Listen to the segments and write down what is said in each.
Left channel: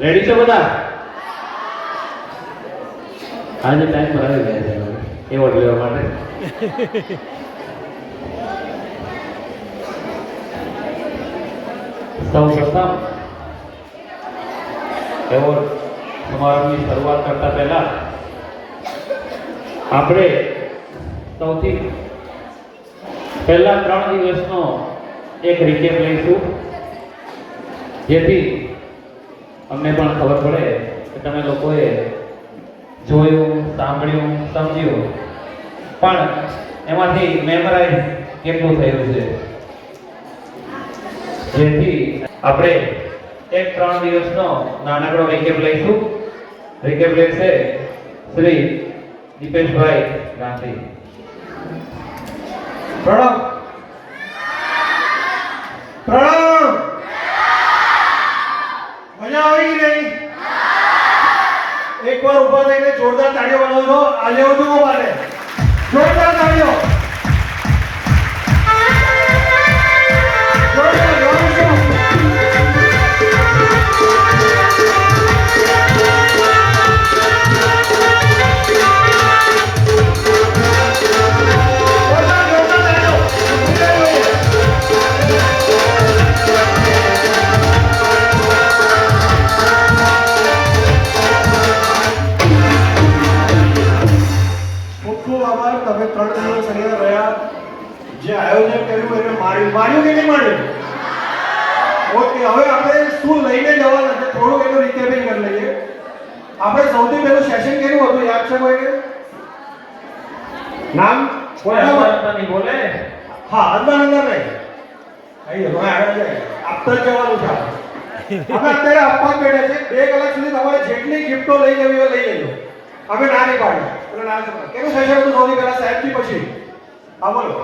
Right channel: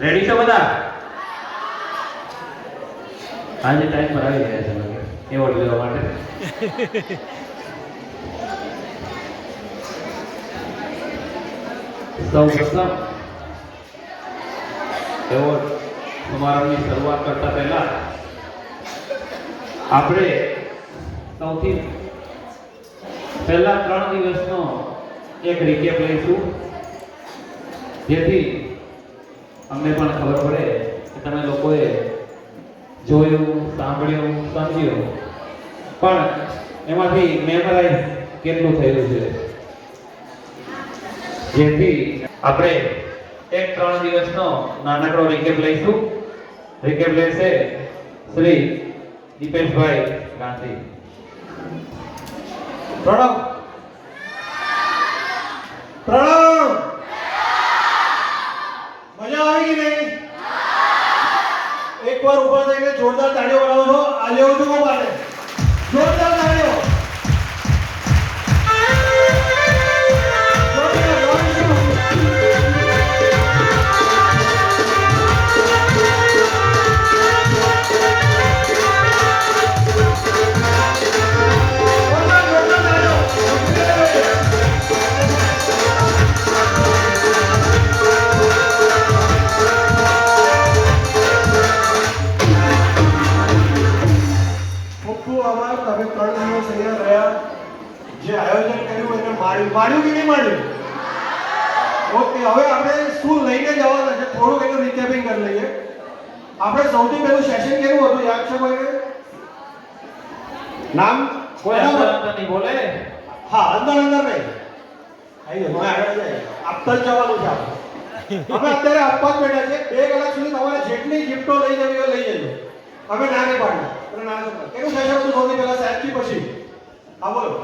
Ready છો બધા? આજે ટાઈમ પર આવી ગયા છે એવોર્ડ લેવા માટે. સૌ પ્રથમ એવોર્ડ સમારંભની શરૂઆત કરતા પહેલા આપણે સૌથી પહેલા 3 દિવસનો એક રિકેપ લઈશું, જેથી અમને પણ ખબર પડે કે તમે લોકોએ જોયું, સાંભળ્યું, સમજ્યું, પણ એમાંથી મેમરાઇઝ કેટલું થયું છે. જેથી આપણે એક 3 દિવસનો નાનકડો રિકેપ લઈશું. રિકેપ લેશે શ્રી દીપેશભાઈ ગાંધી. પ્રણામ. પ્રણામ. મજા આવી કે નહીં? એકવાર ઊભા થઈને જોરદાર તાળીઓ બનાવો છો. આ લેવો છો માટે જોરદાર તાળીઓ. માણ્યું કે નહીં માણ્યું? ઓકે, હવે આપણે શું લઈને જવાના છે થોડું એનું રિકેપિંગ કરી લઈએ. આપણે સૌથી પહેલું સેશન કેવું હતું યાદ છે કોઈને? નામ કોઈ અંદર નહીં બોલે. હા, અંદર અંદર નહીં. આઈએ હવે આગળ જાય. આપતા જ જવાનું છે આપણે. અમે અત્યારે આપવા જ બેઠા છે. 2 કલાક સુધી તમારે જેટલી ગિફ્ટો લઈ જવી હોય લઈ લેજો. અમે ના નહીં પાડીએ. એટલે ના છે. કેવું સેશન હતું સૌથી પહેલા સાહેબજી પછી? હા બોલો.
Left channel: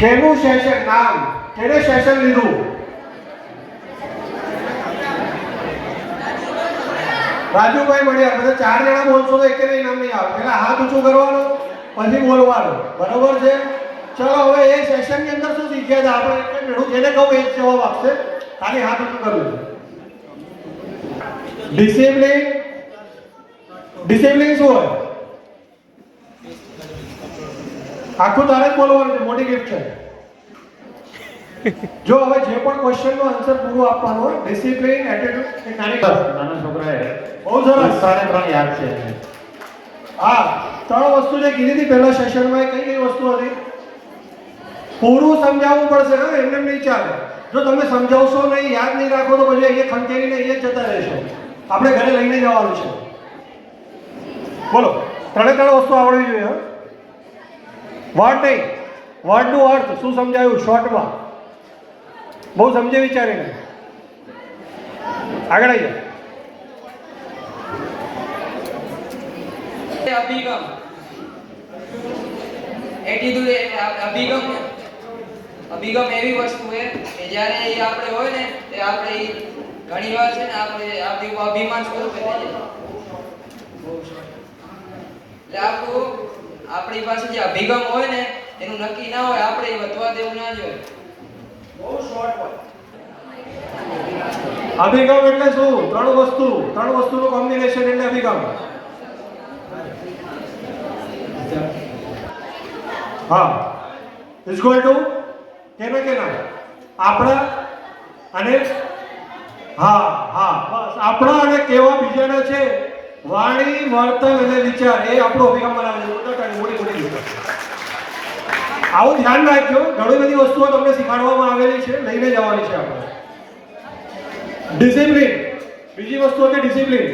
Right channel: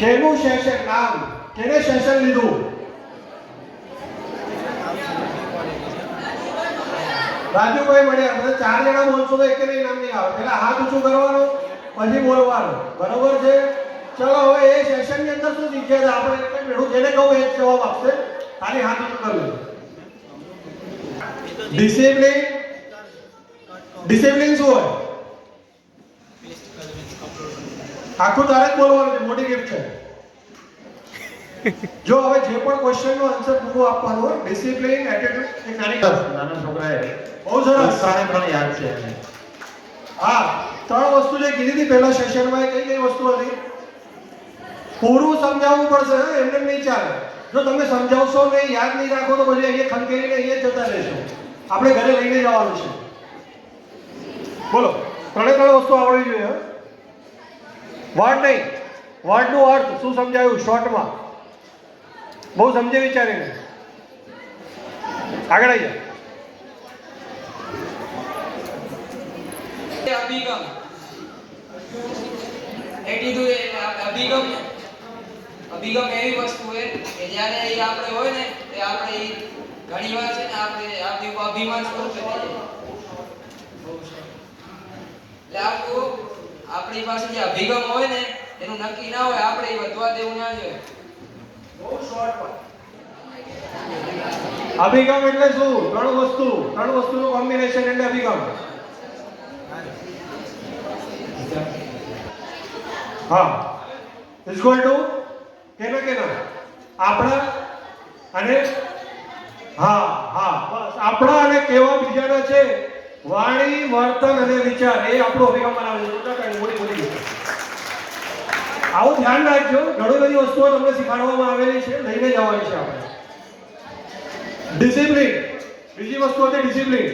કેનું સેશન? નામ કેને સેશન લીધું? રાજુભાઈ મળ્યા. બધા 4 જણા બોલશો તો એક નહીં નામ નહીં આવે. પહેલા હાથ ઊંચું કરવાનું, પછી બોલવાનું. બરોબર છે? ચલો હવે એ સેશન ની અંદર શું શીખ્યા હતા આપણે? એટલે મેળું જેને કહું એ જવાબ આપશે. ખાલી હાથ ઊંચું કરવું. ડિસિપ્લિન. ડિસિપ્લિન શું હોય? આખું તારે જ બોલવાનું છે. મોટી ગિફ્ટ છે. જો હવે જે પણ ક્વેશ્ચન નો આન્સર પૂરો આપવાનો હોય, ડિસિપ્લિન, એટીટ્યુડ, એ નાની નાના છોકરાએ બહુ સરસ સારા પણ યાદ છે. હા, 3 વસ્તુ જે કીધી હતી પહેલા સેશનમાં, કઈ કઈ વસ્તુ હતી? પૂરું સમજાવવું પડશે. હા, એમને નહીં ચાલે. જો તમે સમજાવશો નહીં, યાદ નહીં રાખો તો પછી અહીંયા ખંખેરીને અહીંયા જતા રહેશો. આપણે ઘરે લઈને જવાનું છે. બોલો, 3 વસ્તુ આવડવી જોઈએ. વર્ડ નહીં, વર્ડ નું અર્થ શું સમજાયું શોર્ટમાં? બહુ સમજે વિચારીને આગળ આવી જાય. અભિગમ એટીટ્યુડ અભિગમ એવી વસ્તુ છે કે જ્યારે આપણે હોય ને તે આપણે ઘણી વાર છે ને આપણે અભિમાન સ્વરૂપે થઈ જાય. એટલે આપણી પાસે જે અભિગમ હોય ને એનું નક્કી ના હોય, આપણે વધવા દેવું ના જોઈએ. બહુ શોર્ટ. અભિગમ એટલે શું? 3 વસ્તુનું કોમ્બિનેશન એટલે અભિગમ. હા, ઇઝ ઇક્વલ ટુ કેનો આપણા અને હા હા બસ આપણા અને કેવા બીજાના છે. વાણી, વર્તન અને વિચાર એ આપણો અભિગમ બનાવે છે. આવું ધ્યાન રાખજો. ઘણી બધી વસ્તુઓ તમને શીખવાડવામાં આવેલી છે, લઈને જવાની છે આપણે. ડિસિપ્લિન, બીજી વસ્તુ હતી ડિસિપ્લિન.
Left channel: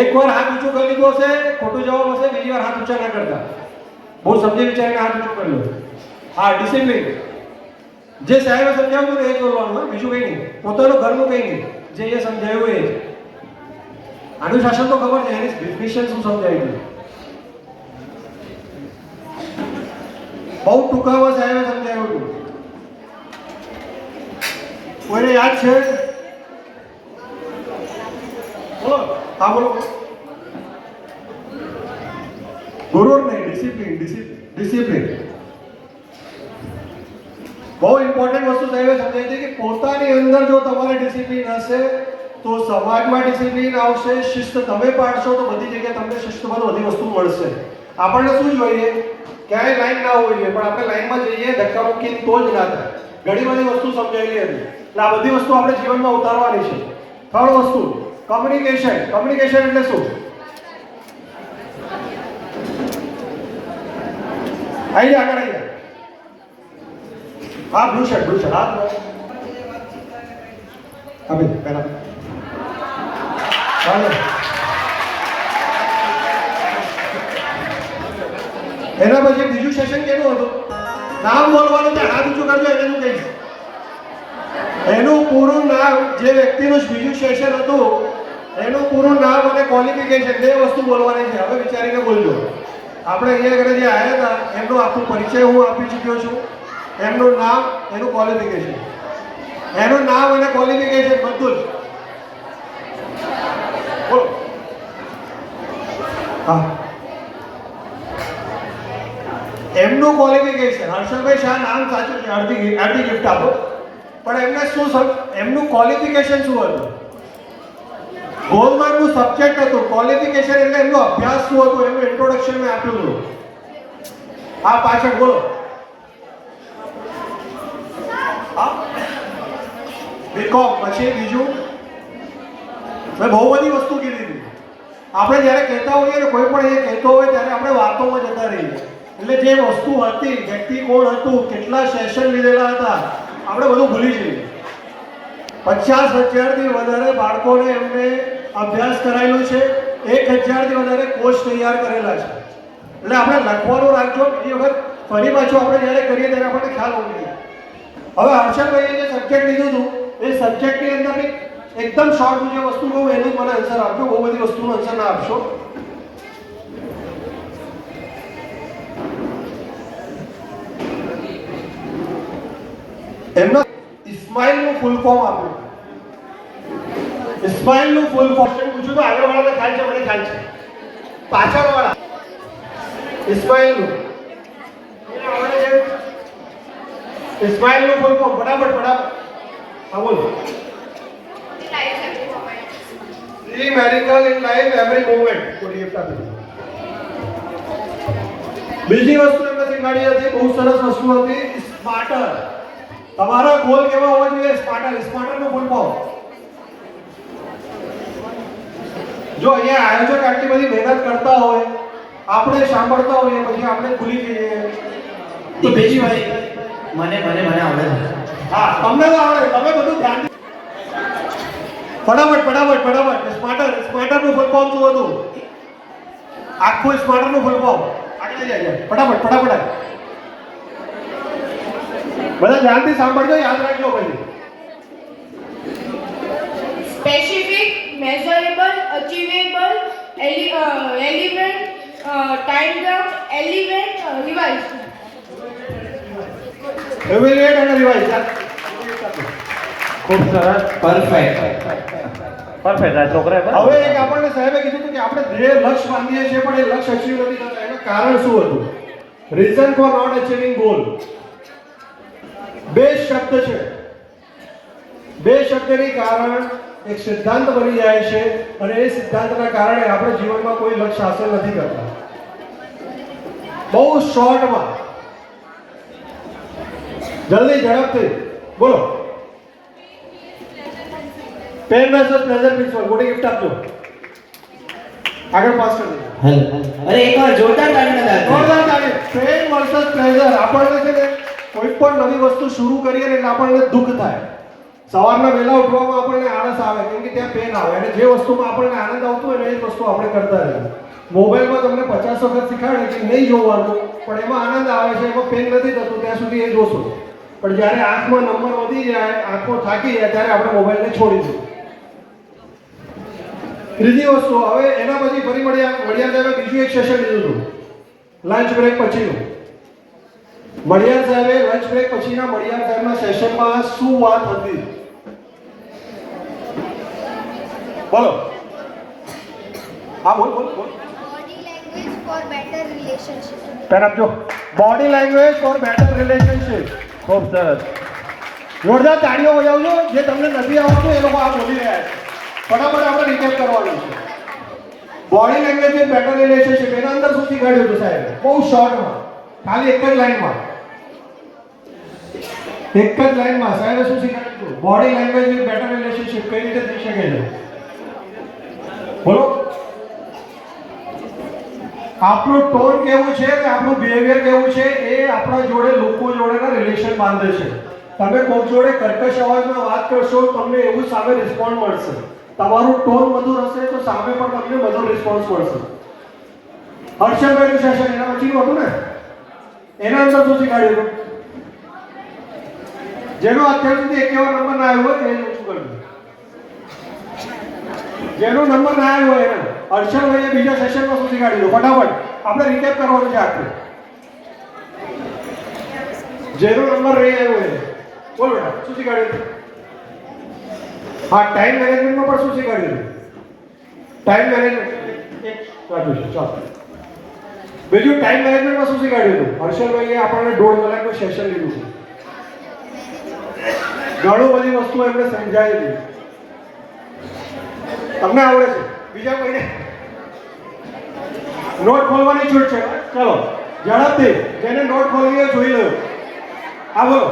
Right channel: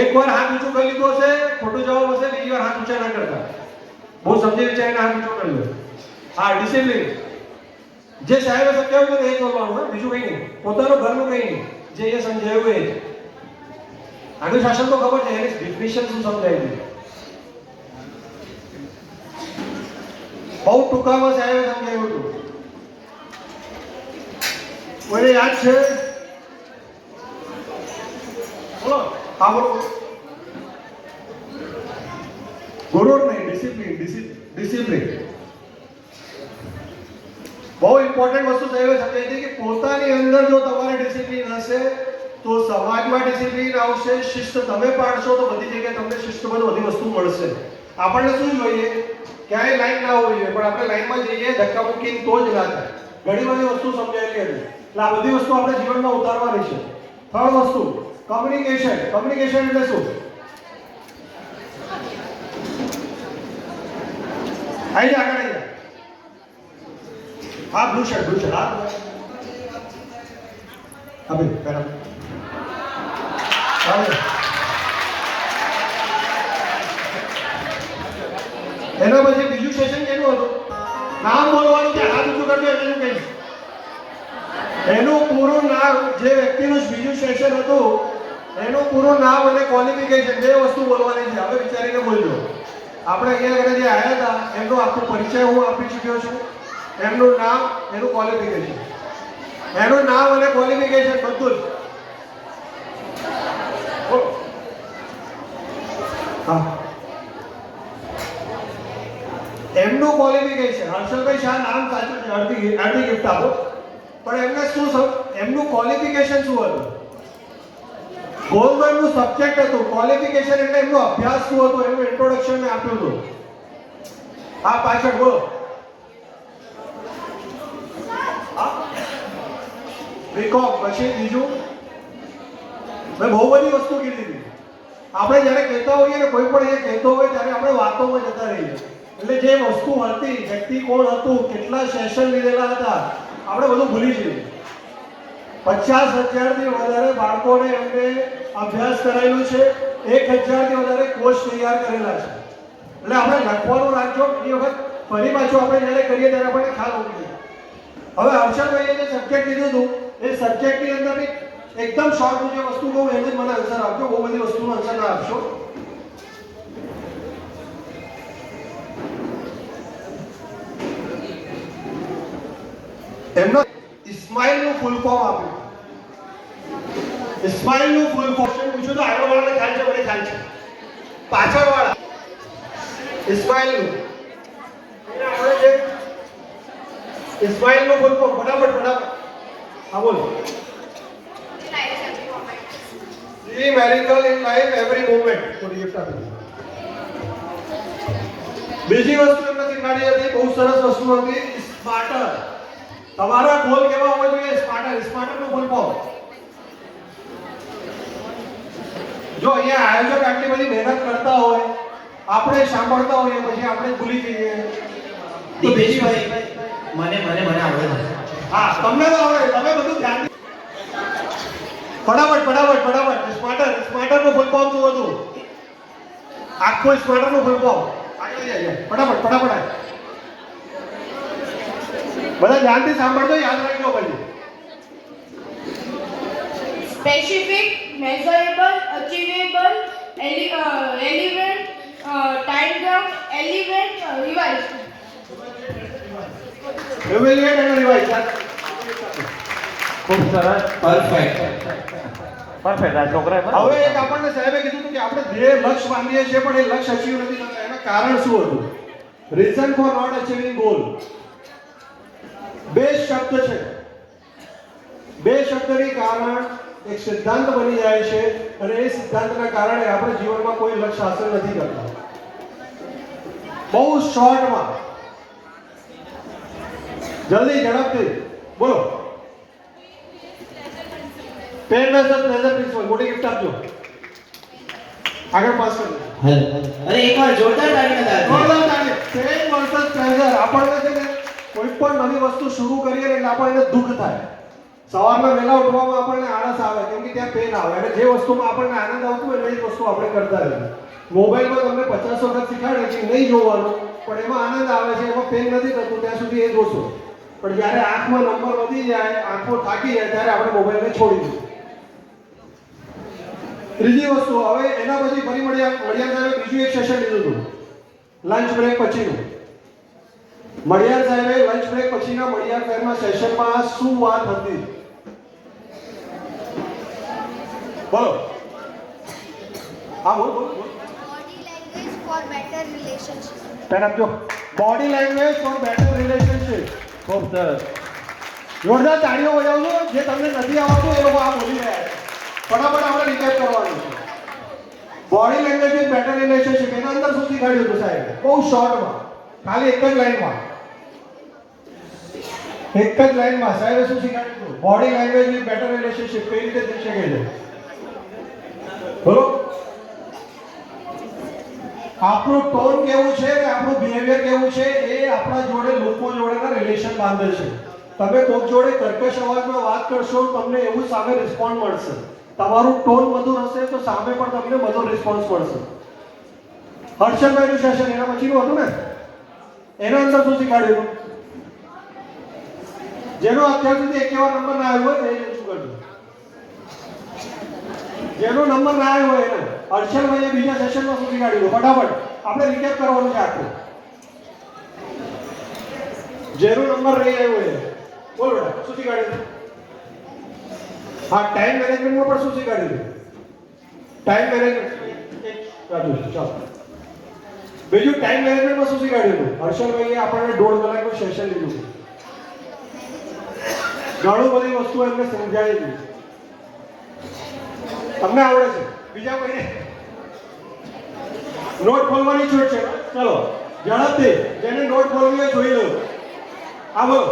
એકવાર હાથ ઊંચું કરી લીધો હશે, ખોટું જવાબ હશે, બીજી વાર હાથ ઊંચા ના કરતા. બહુ સમજી વિચારીને હાથ ઊંચું કરી લો. હા, ડિસિપ્લિન. જે સાહેબે સમજાવ્યું એ જ બોલવાનું, બીજું કંઈ નહીં. પોતાનું ઘરનું કંઈ નહીં, જે એ સમજાવ્યું એ જ. અનુશાસન તો ખબર છે, એની ડિફિનિશન શું સમજાવી? બહુ ટૂંકામાં સાહેબે સમજાવ્યું હતું. કોઈને યાદ છે? બોલો. હા બોલો. ગુરુ નહીં, ડિસિપ્લિન. બહુ ઇમ્પોર્ટન્ટ વસ્તુ સાહેબે સમજાવી હતી કે પોતાની અંદર જો તમારે ડિસિપ્લિન હશે તો સમાજમાં ડિસિપ્લિન આવશે, શિસ્ત તમે પાડશો તો બધી જગ્યાએ તમને શિસ્તમાં બધી વસ્તુ મળશે. આપણને શું જોઈએ, ક્યાંય લાઈન ના હોવી જોઈએ, પણ આપણે લાઈનમાં જઈએ ધક્કા મૂકીને તો જ ના થાય. ઘણી બધી વસ્તુ સમજાયેલી હતી એટલે આ બધી વસ્તુ આપણે જીવનમાં ઉતારવાની છે. થર્ડ વસ્તુ કમ્યુનિકેશન. કમ્યુનિકેશન એટલે શું? આવી જા, આગળ આવી જા. હા, બ્લુ શર્ટ, હા ભાઈ પહેલા એના પછી બીજું સેશન કેનું હતું? નામ બોલવાનું કે હાથ ઊંચું કરજો એટલે હું કહીશ. એનું પૂરું નામ, જે વ્યક્તિનું બીજું સેશન હતું એનું પૂરું નામ અને ક્વોલિફિકેશન બે વસ્તુ બોલવાની છે. હવે વિચારીને બોલજો. આપણે અહીંયા આગળ જે આવ્યા હતા એમનો આખો પરિચય હું આપી ચૂક્યો છું. એમનું નામ, એનું ક્વોલિફિકેશન, એનું નામ અને ક્વોલિફિકેશન બધું જ. હા, એમનું ક્વોલિફિકેશન હર્ષલભાઈ શાહ નામ સાચું છે, અડધી ગિફ્ટ આપો. પણ એમને શું, એમનું ક્વોલિફિકેશન શું હતું? ગવર્નમેન્ટનું સબ્જેક્ટ હતું. ક્વોલિફિકેશન એટલે એમનો અભ્યાસ શું હતો, એનું ઇન્ટ્રોડક્શન મેં આપ્યું હતું. આ પાછળ બોલો. બીકોમ, પછી બીજું મેં બહુ બધી વસ્તુ કીધી હતી. આપણે જ્યારે કહેતા હોઈએ ને, કોઈ પણ અહીંયા કહેતો હોય ત્યારે આપણે વાતોમાં જતા રહીએ. એટલે જે વસ્તુ હતી, વ્યક્તિ કોણ હતું, કેટલા સેશન લીધેલા હતા, આપણે બધું ભૂલી જઈએ. 50,000થી વધારે બાળકોને એમને અભ્યાસ કરાયેલું છે. 1,000થી વધારે કોર્સ તૈયાર કરેલા છે. એટલે આપણે લખવાનું રાખજો. એ વખત ફરી પાછું આપણે જ્યારે કરીએ ત્યારે આપણને ખ્યાલ હોવો જોઈએ. હવે હર્ષલભાઈએ જે સબ્જેક્ટ લીધું હતું એ સબ્જેક્ટની અંદર એકદમ શોર્ટ જે વસ્તુ કહું એનું મને આન્સર આપજો. બહુ બધી વસ્તુનો આન્સર ના આપશો. એમના ઇસ્માઇલનું ફૂલ ફોર્મ આપ્યું. ઇસ્માઇલનું ફૂલ ફોર્મ પૂછ્યું તો આગળ વાળાને ખ્યાલ છે, મને ખ્યાલ છે. પાછળ વાળા ઇસ્માઇલનું ફૂલ ફોર્મ ફટાફટ. હા બોલો. See miracle in life every moment. થોડી ગિફ્ટ આપી. બીજી વસ્તુ એમને શીખવાડી હતી, બહુ સરસ વસ્તુ હતી, સ્માર્ટર. તમારા ગોલ કેવા હોવા જોઈએ? સ્માર્ટર. સ્માર્ટરનું ફૂલ ફોર્મ. જો અહીંયા આયોજક આટલી બધી મહેનત કરતા હોય, આપણે સાંભળતા હોઈએ, પછી આપણે ભૂલી જઈએ તો દીપેશભાઈ, મને આવડે. હા, તમને તો આવડે. તમે બધું ધ્યાન ફટાફટ. સ્માર્ટરનું ફૂલ ફોર્મ શું હતું? આખું સ્માર્ટરનું ફૂલ ફોર્મ. આગળ જાય ફટાફટ. બધા ધ્યાનથી સાંભળજો, યાદ રાખજો. પછી specific, measurable, achievable, relevant, time bound, relevant, revised. evaluate and revise. ખૂબ સરસ, પરફેક્ટ. આ છોકરાએ હવે એક આપણને સાહેબે કીધું હતું કે આપણે ધ્યેય લક્ષ્ય બાંધીએ છીએ પણ એ લક્ષ્ય અચીવ નથી થતા. એનું કારણ શું હતું? Reason for not achieving goal. બે શબ્દ છે. બે શબ્દની કારણ એક સિદ્ધાંત બની જાય છે અને એ સિદ્ધાંતના કારણે આપણે જીવનમાં કોઈ લક્ષ્ય હાંસલ નથી કરતા. બહુ શોર્ટમાં, જલ્દી, ઝડપથી બોલો. Pen versus pressure principle. મોટી ગિફ્ટ આપજો. આગળ પાસ કરી દો. અરે એકવાર જોરદાર તાળીઓ પેન વર્સસ પ્રેશર. આપણને છે ને કોઈ પણ નવી વસ્તુ શરૂ કરીએ ને એટલે આપણને દુઃખ થાય. સવારના વહેલા ઉઠવામાં આપણને આળસ આવે કેમ કે ત્યાં પેન આવે, અને જે વસ્તુમાં આપણને આનંદ આવતો હોય ને એ જ વસ્તુ આપણે કરતા રહીએ. મોબાઈલમાં તમને 50 વખત શીખવાડે કે નહીં જોવાનું, પણ એમાં આનંદ આવે છે, એમાં પેન નથી થતું ત્યાં સુધી એ જોશો. પણ જ્યારે આંખમાં નંબર વધી જાય, આંખો થાકી જાય, ત્યારે આપણે મોબાઈલને છોડી દઈએ. ત્રીજી વસ્તુ, હવે એના પછી ફરી મળ્યા સાહેબે બીજું એક સેશન લીધું હતું લંચ બ્રેક પછીનું. મળિયાર સાહેબે લંચ બ્રેક પછીના મળિયાર સાહેબના સેશનમાં શું વાત હતી? બોલો. હા બોલો. Body language for better relationship. Pen આપજો. Body language for better relationship. ખૂબ સરસ. જોરદાર તાળીઓ બજાવજો. જે તમને નથી આવડતું એ લોકો આ બોલી રહ્યા છે. ફટાફટ આપણે રિકેપ કરવાનું છે. Body language with better relationship એના અંદર શું શીખવાડ્યું હતું સાહેબ? બહુ શોર્ટમાં, ખાલી એક જ લાઈનમાં સાહેબે શું શીખવાડ્યું? Body language with better relationship કઈ રીતે થઈ શકે છે? બોલો. આપણું ટોન કેવું છે કે આપણું બિહેવિયર કેવું છે એ આપણા જોડે લોકો જોડેના રિલેશન બાંધે છે. તમે કોઈક જોડે કર્કશ અવાજમાં વાત કરશો તમને એવું સામે રિસ્પોન્સ મળશે. તમારું ટોન મધુર હશે તો સામે પણ તમને મધુર રિસ્પોન્સ મળશે. હર્ષદભાઈનું સેશન એના પછીનું હતું ને, એના અંદર શું શીખવાડ્યું? જેનો અત્યાર સુધી એકેવાર નંબર ના આવ્યો હોય એ શું કરવું? જેનો નંબર ના આવ્યો હોય એને હર્ષદભાઈએ બીજા સેશનમાં શું શીખવાડ્યું? ફટાફટ આપણે રિકેપ કરવાનું છે આખું. જેનો નંબર નહીં આવ્યો હોય બોલો બેટા શું શીખવાડ્યું? હા, ટાઈમ મેનેજમેન્ટમાં પણ શું શીખવાડ્યું? ટાઈમ મેનેજમેન્ટ એક બાજુ છે. ચાલો બીજું ટાઈમ મેનેજમેન્ટમાં શું શીખવાડ્યું? હર્ષદભાઈએ આપણને 1.5 કલાકનું સેશન લીધું છે. ઘણું બધી વસ્તુ એમને સમજાવી. તમને આવડે છે? બીજા કોઈને નોટ ખોલવાની છૂટ છે. ચલો ઝડપથી જેને નોટ ખોલવી હોય જોઈ લો. આ બોલો.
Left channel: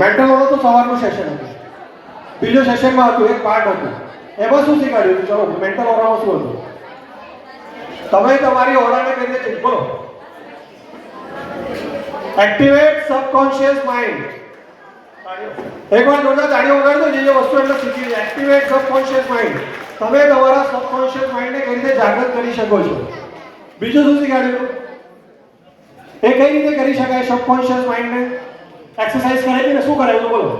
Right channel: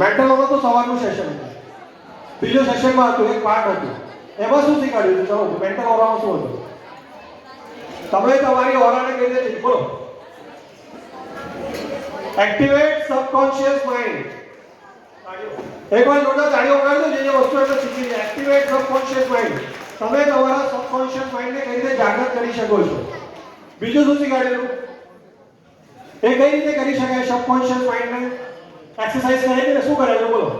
મેન્ટલ ઓરો તો સવારનું સેશન હતું. બીજો સેશનમાં હતું એક પાર્ટ હતું. એમાં શું શીખવાડ્યું? ચલો મેન્ટલ ઓરામાં શું હતું? તમે તમારી ઓરાને કઈ રીતે બોલો? Activate subconscious mind. એકવાર જોરદાર તાળીઓ વગાડજો. જે વસ્તુ એટલે શીખી છે. Activate subconscious mind. તમે તમારા સબકોન્શિયસ માઇન્ડને કઈ રીતે જાગૃત કરી શકો છો? બીજું શું શીખવાડ્યું? એ કઈ રીતે કરી શકાય સબકોન્શિયસ માઇન્ડને? એક્સરસાઇઝ કરીને શું કરે બોલો?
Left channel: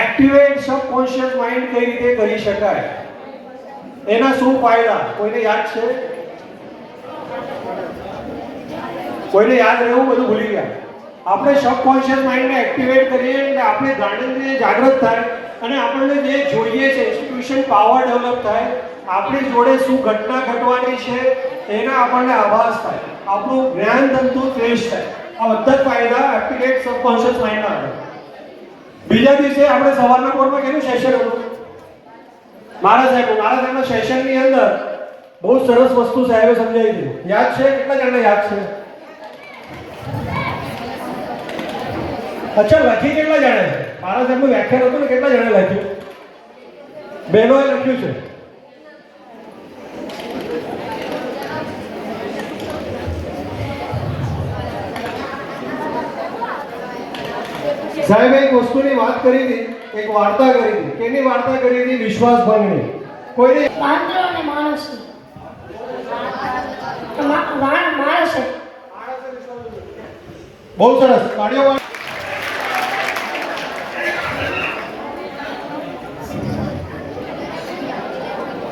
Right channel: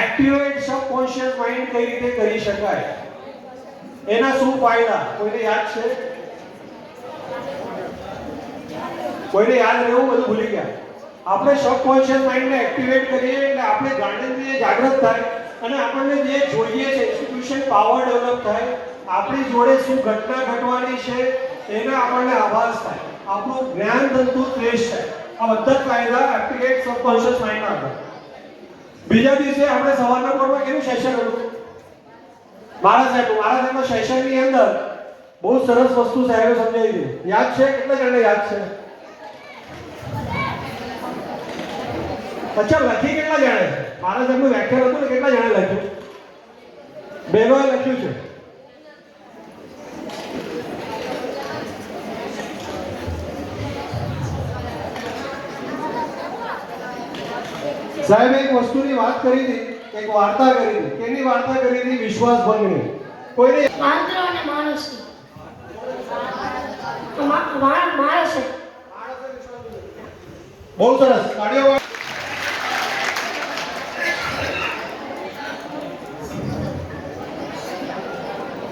એક્ટિવેટ સબકોન્શિયસ માઇન્ડ કઈ રીતે કરી શકાય? એના શું ફાયદા? કોઈને યાદ છે? કોઈને યાદ રહેવું? બધું ભૂલી ગયા. આપણે સબકોન્શિયસ માઇન્ડને એક્ટિવેટ કરીએ એટલે આપણે જાણીને જાગૃત થાય અને આપણને જે જોઈએ છે ઇન્સ્ટિટ્યુશન પાવર ડેવલપ થાય. આપણી જોડે શું ઘટના ઘટવાની છે એના આપણને આભાસ થાય. આપણું જ્ઞાન તંતુ તેજ થાય. આ બધા ફાયદા એક્ટિવેટ સબકોન્શિયસ માઇન્ડના આવે. બીજા દિવસે આપણે સવારના પોરમાં કેનું સેશન હતું? મારા સાહેબના સેશનની અંદર બહુ સરસ વસ્તુ સાહેબે સમજાવી હતી. યાદ છે? કેટલા જણા યાદ છે? અચ્છા, લખી કેટલા જણે? મારા સાહેબનું વ્યાખ્યાન હતું ને, કેટલા જણે લખ્યું? બહેનોએ લખ્યું છે. સાહેબ એક વસ્તુની વાત કરી હતી, એક વાર્તા કરી હતી. કેની વાર્તા કરી હતી? વિશ્વાસ ભંગની. કોઈને વાંદરો અને માણસ. બહુ સરસ તાળીઓ.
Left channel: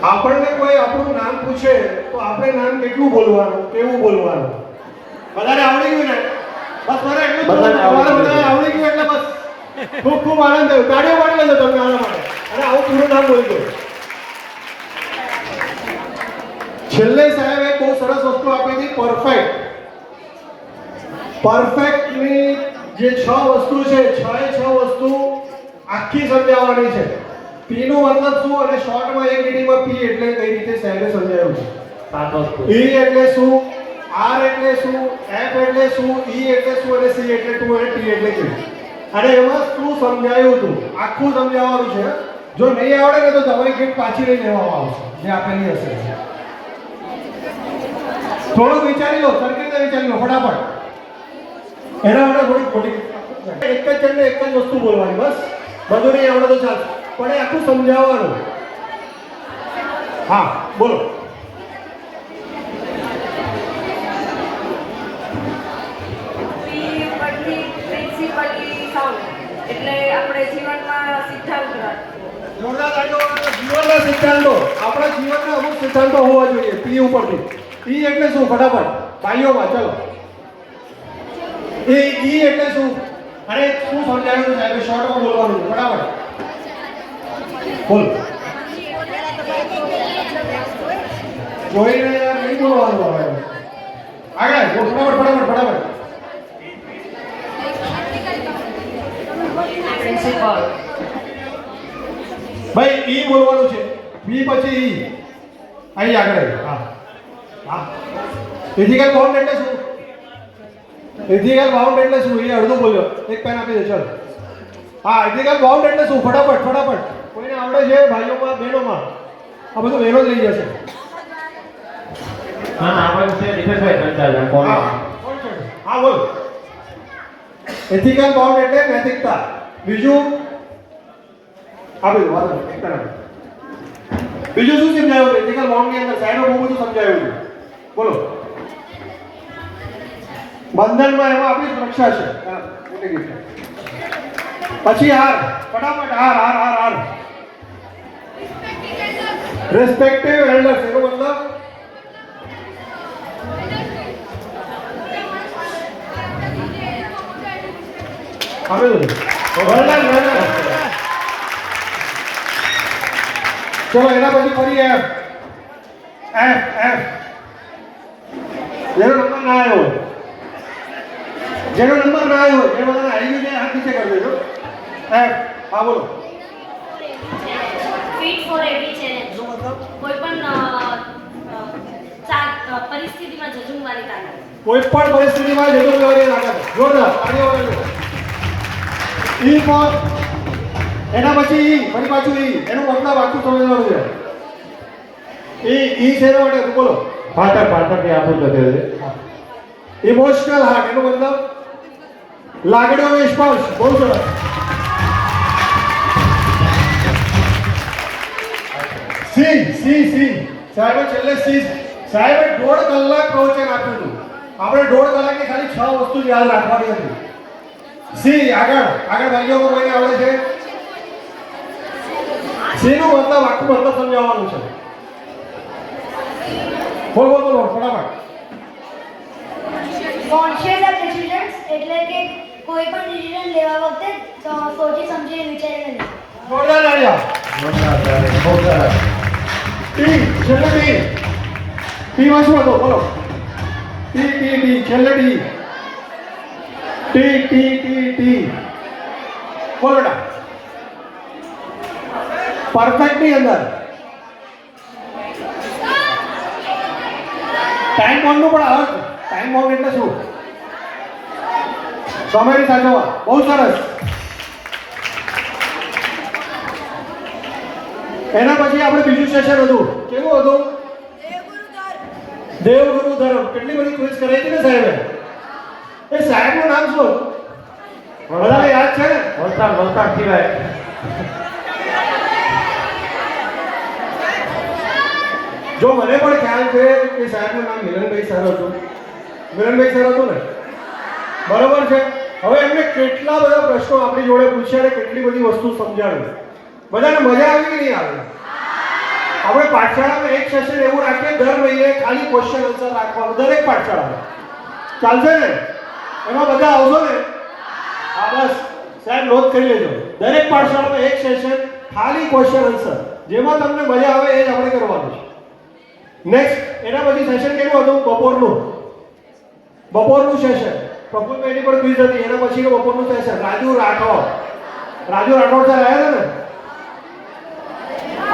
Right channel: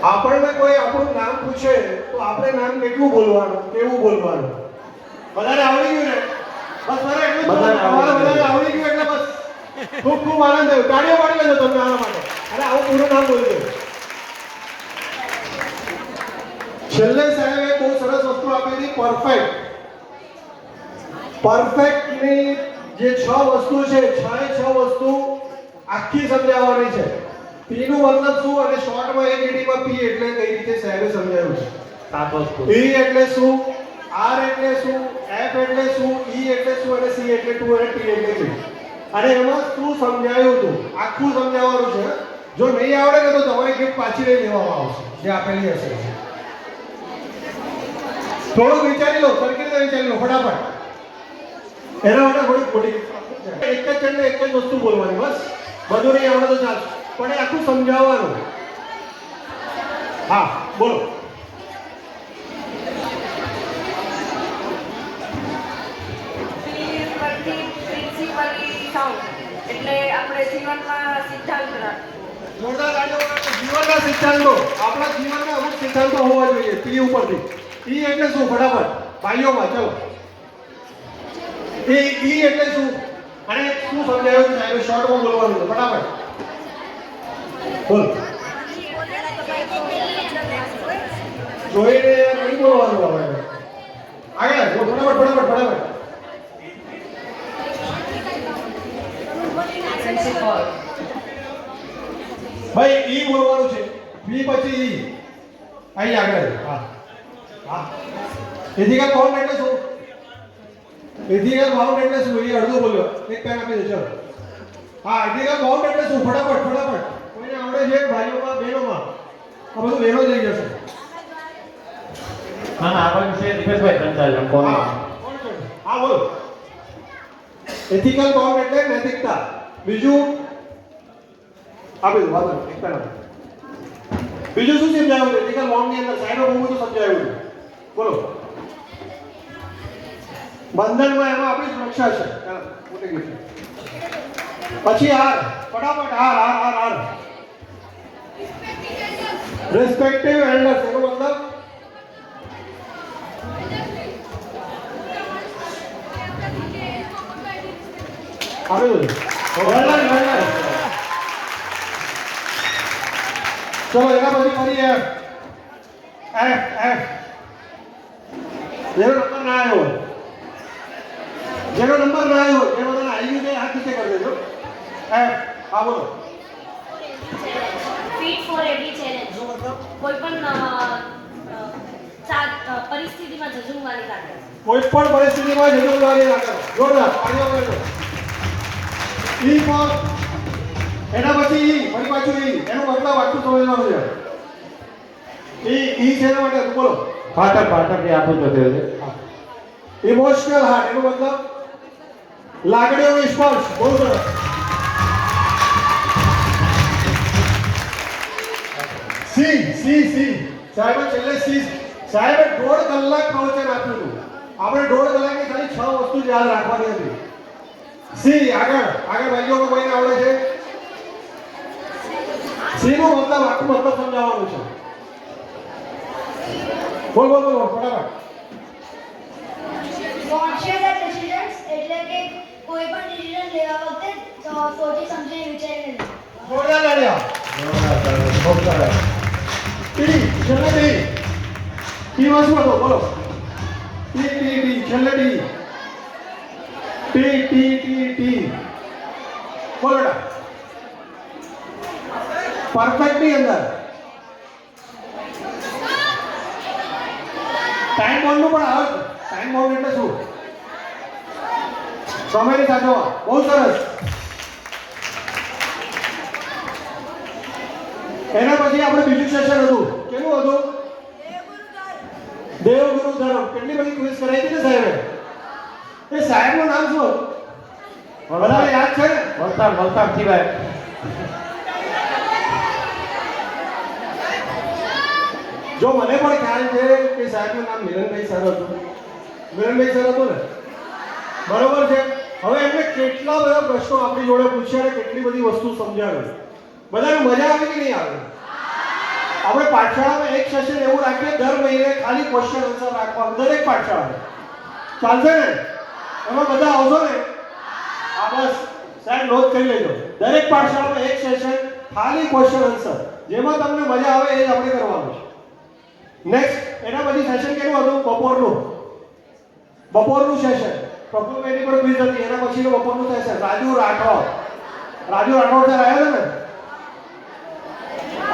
આપણને કોઈ આપણું નામ પૂછે તો આપણે નામ કેટલું બોલવાનું, કેવું બોલવાનું? બધાને આવડી ગયું ને? બસ મને એટલું બધાને આવડી ગયું એટલે બસ ખૂબ ખૂબ આનંદ થયો. તાળીઓ પાડી લેજો તમે આના માટે. અને આવું પૂરું નામ બોલજો. છેલ્લે સાહેબે બહુ સરસ વસ્તુ આપી હતી, પરફેક્ટ. પરફેક્ટની જે 6 વસ્તુ છે, 6 વસ્તુ આખી સમજાવવાની છે. પી નો મતલબ શું અને શોર્ટમાં એક લીટીમાં પી એટલે કઈ રીતે સાહેબે સમજાવ્યું છે. 7 વસ્તુ. પી એટલે શું, આર એટલે શું, એફ એટલે શું, ઈ એટલે શું અને સી એટલે ટુ અને ટી એટલે શું. અને એમાં શું સમજાયું હતું આખું સમજાવવાનું છે. જો નહીં આવડે ને તો તમારી ગિફ્ટ પાછી લઈ લેવામાં આવશે જે આપેલી હશે. થોડુંક વિચારી લો, સરખી રીતે વિચારી લો ફટાફટ. એના માટે થોડીક ખોટી એક જ જણને એક જ વસ્તુ બોલવાની, બસ. બધું નહીં આવડે તો ચાલશે, પણ એ આખું સમજાવવાનું. હા બોલો. એટલે આપણે જીવનમાં સિદ્ધાંત રાખવો. જોરદાર તાળીઓ વગાડો. જીવનના સિદ્ધાંતો, આપણા જીવનના અમુક સિદ્ધાંતો હોવા જોઈએ. પી ઉપરથી. ઈ એટલે શું? ફટાફટ ભાઈઓમાં ચલો. એ ઈ એટલે શું અને શું સમજાવ્યું સાહેબે? શોર્ટમાં બોલવાનું છે. ફટાફટ બોલ. જોઈને યાર નહીં બોલવાનું આપણે. આગળ ફટાફટ. પ્રિન્સિપલ ભાઈ ઈ બોલવાનું છે. બી પછી ઈ. અહીં આગળ. હા. ઇથિકલ બાઉન્ડ એટલે શું? ઇથિકલ બાઉન્ડ એટલે શું? એ અડધું બોલ્યો. એક પેન આપી દે ચલ. હા, ઇથિકલ બાઉન્ડ એટલે શું? ફટાફટ. કોઈને આવડે છે ભાઈઓમાં બહેનોમાં? આ બધું બહેનો જ લઈ જશે. હા આપણે છે દીપેશભાઈ 3-4 જણ કોણ હા બોલ. એથિકલ બાઉન્ડ એટલે નૈતિકતા. બીજું આપી દો વાત એક તરફ. બીજું શું સમજાયું? એથિકલ બાઉન્ડ ની અંદર સાઈડો બહુ બધું સમજાયું છે. બોલો. બંધનમાં એમાં આપણી સુરક્ષા છે. પછી આર ફટાફટ આર રિસ્પેક્ટિવ એલ્ડર્સ એનો મતલબ હવે ચલો એના પછી ફરી એફ જેનો નંબર ના આવ્યો એ બધાને આવી ગયું હાથ નીચે કરી દેજો. એફ હા બોલો. ફિટ ફોર એવી છે એનો મતલબ કોઈ પણ પરિસ્થિતિમાં ઝઝુમવાની તાકાત. કોઈ પણ પરિસ્થિતિમાં જવાબદારી રાખો. જોરદાર. ઈ ફોર એના પછી ઈ ફરી પાછું ઈ એનો મતલબ આખું સમજવાનું છે. ઈ છે એના માટે બોલો. પાતર થી આપું જો છે ઇમોશનલ હાર્ટ એનો મતલબ લાગણીઓનો સ્પર્શ. બહુ સરસ. સી સાહેબે છેલ્લે સી સાહેબે 1.5 કલાક પ્રવચન આપ્યું હતું. આપણે 1.5 કલાકની ખાલી 6 વસ્તુ જ યાદ રાખવાની હતી. સી આગળ ભાઈઓમાં કોઈને આવડે છે? સી નું મતલબ આખું મતલબ સમજાવવાનું છે. બોલ ફટાફટ. કોન્શિયસ ડિસિઝન્સ એટલે કે કોઈ પણ ડિસિઝન લેવા વખતે સોચી સમજીને વિચારીને લેવું. જોરદાર તાળીઓ. બહુ સરસ. ટી છેલ્લે ટી માં શું હતો બોલો. ટી છેલ્લે ટી બોલો બેટા. પરફેક્ટ ની અંદર ટાઈમ બોન્ડ નું પણ અર્થ. ટાઈમ બોન્ડ એટલે શું? સમય સાચવવા. બહુ સરસ. એના પછી આપણે બીજું સેશન હતું. કેવું હતું? દેવગુરુ ધર્મ. કેટલી બધી ક્વિઝ કરાઈ હતી ને સાહેબે. એ સાહેબનું નામ શું હતું? બધાને યાદ છે ને? વલસાડ સિવાય જો મને પણ ખ્યાલ છે કે સાહેબનું નામ મિલનભાઈ સર હતું. મિલનભાઈ સર હતું ને? બરોબર છે. હવે એમને કેટલા બધા પ્રશ્નો આપણી જોડે પૂછ્યા અને કેટલી બધી વસ્તુ સમજાવી. બધાને મજા આવી કે નહીં આવી? આપણે પાઠશાળામાં એક સેશન એવું રાખીએ દર મહિને ખાલી ક્વેશ્ચન આન્સર રાખવાનું દરેક પાઠશાળામાં. ચાલશે ને? એમાં બધા આવશો ને? હા બસ સાહેબ નોંધ કરી લેજો. દરેક પાઠશાળામાં એક સેશન ખાલી ક્વેશ્ચન આન્સર. જેમાં તમને મજા આવે એ જ આપણે કરવાનું છે. નેક્સ્ટ એના પછી સેશન કેવું હતું? બપોરનું સેશન. પ્રફુલભાઈની પર ક્વિઝ હતી. એના પછીનું બપોરનું સેશન. રાજુ રાઠોડ સર આવ્યા હતા ને?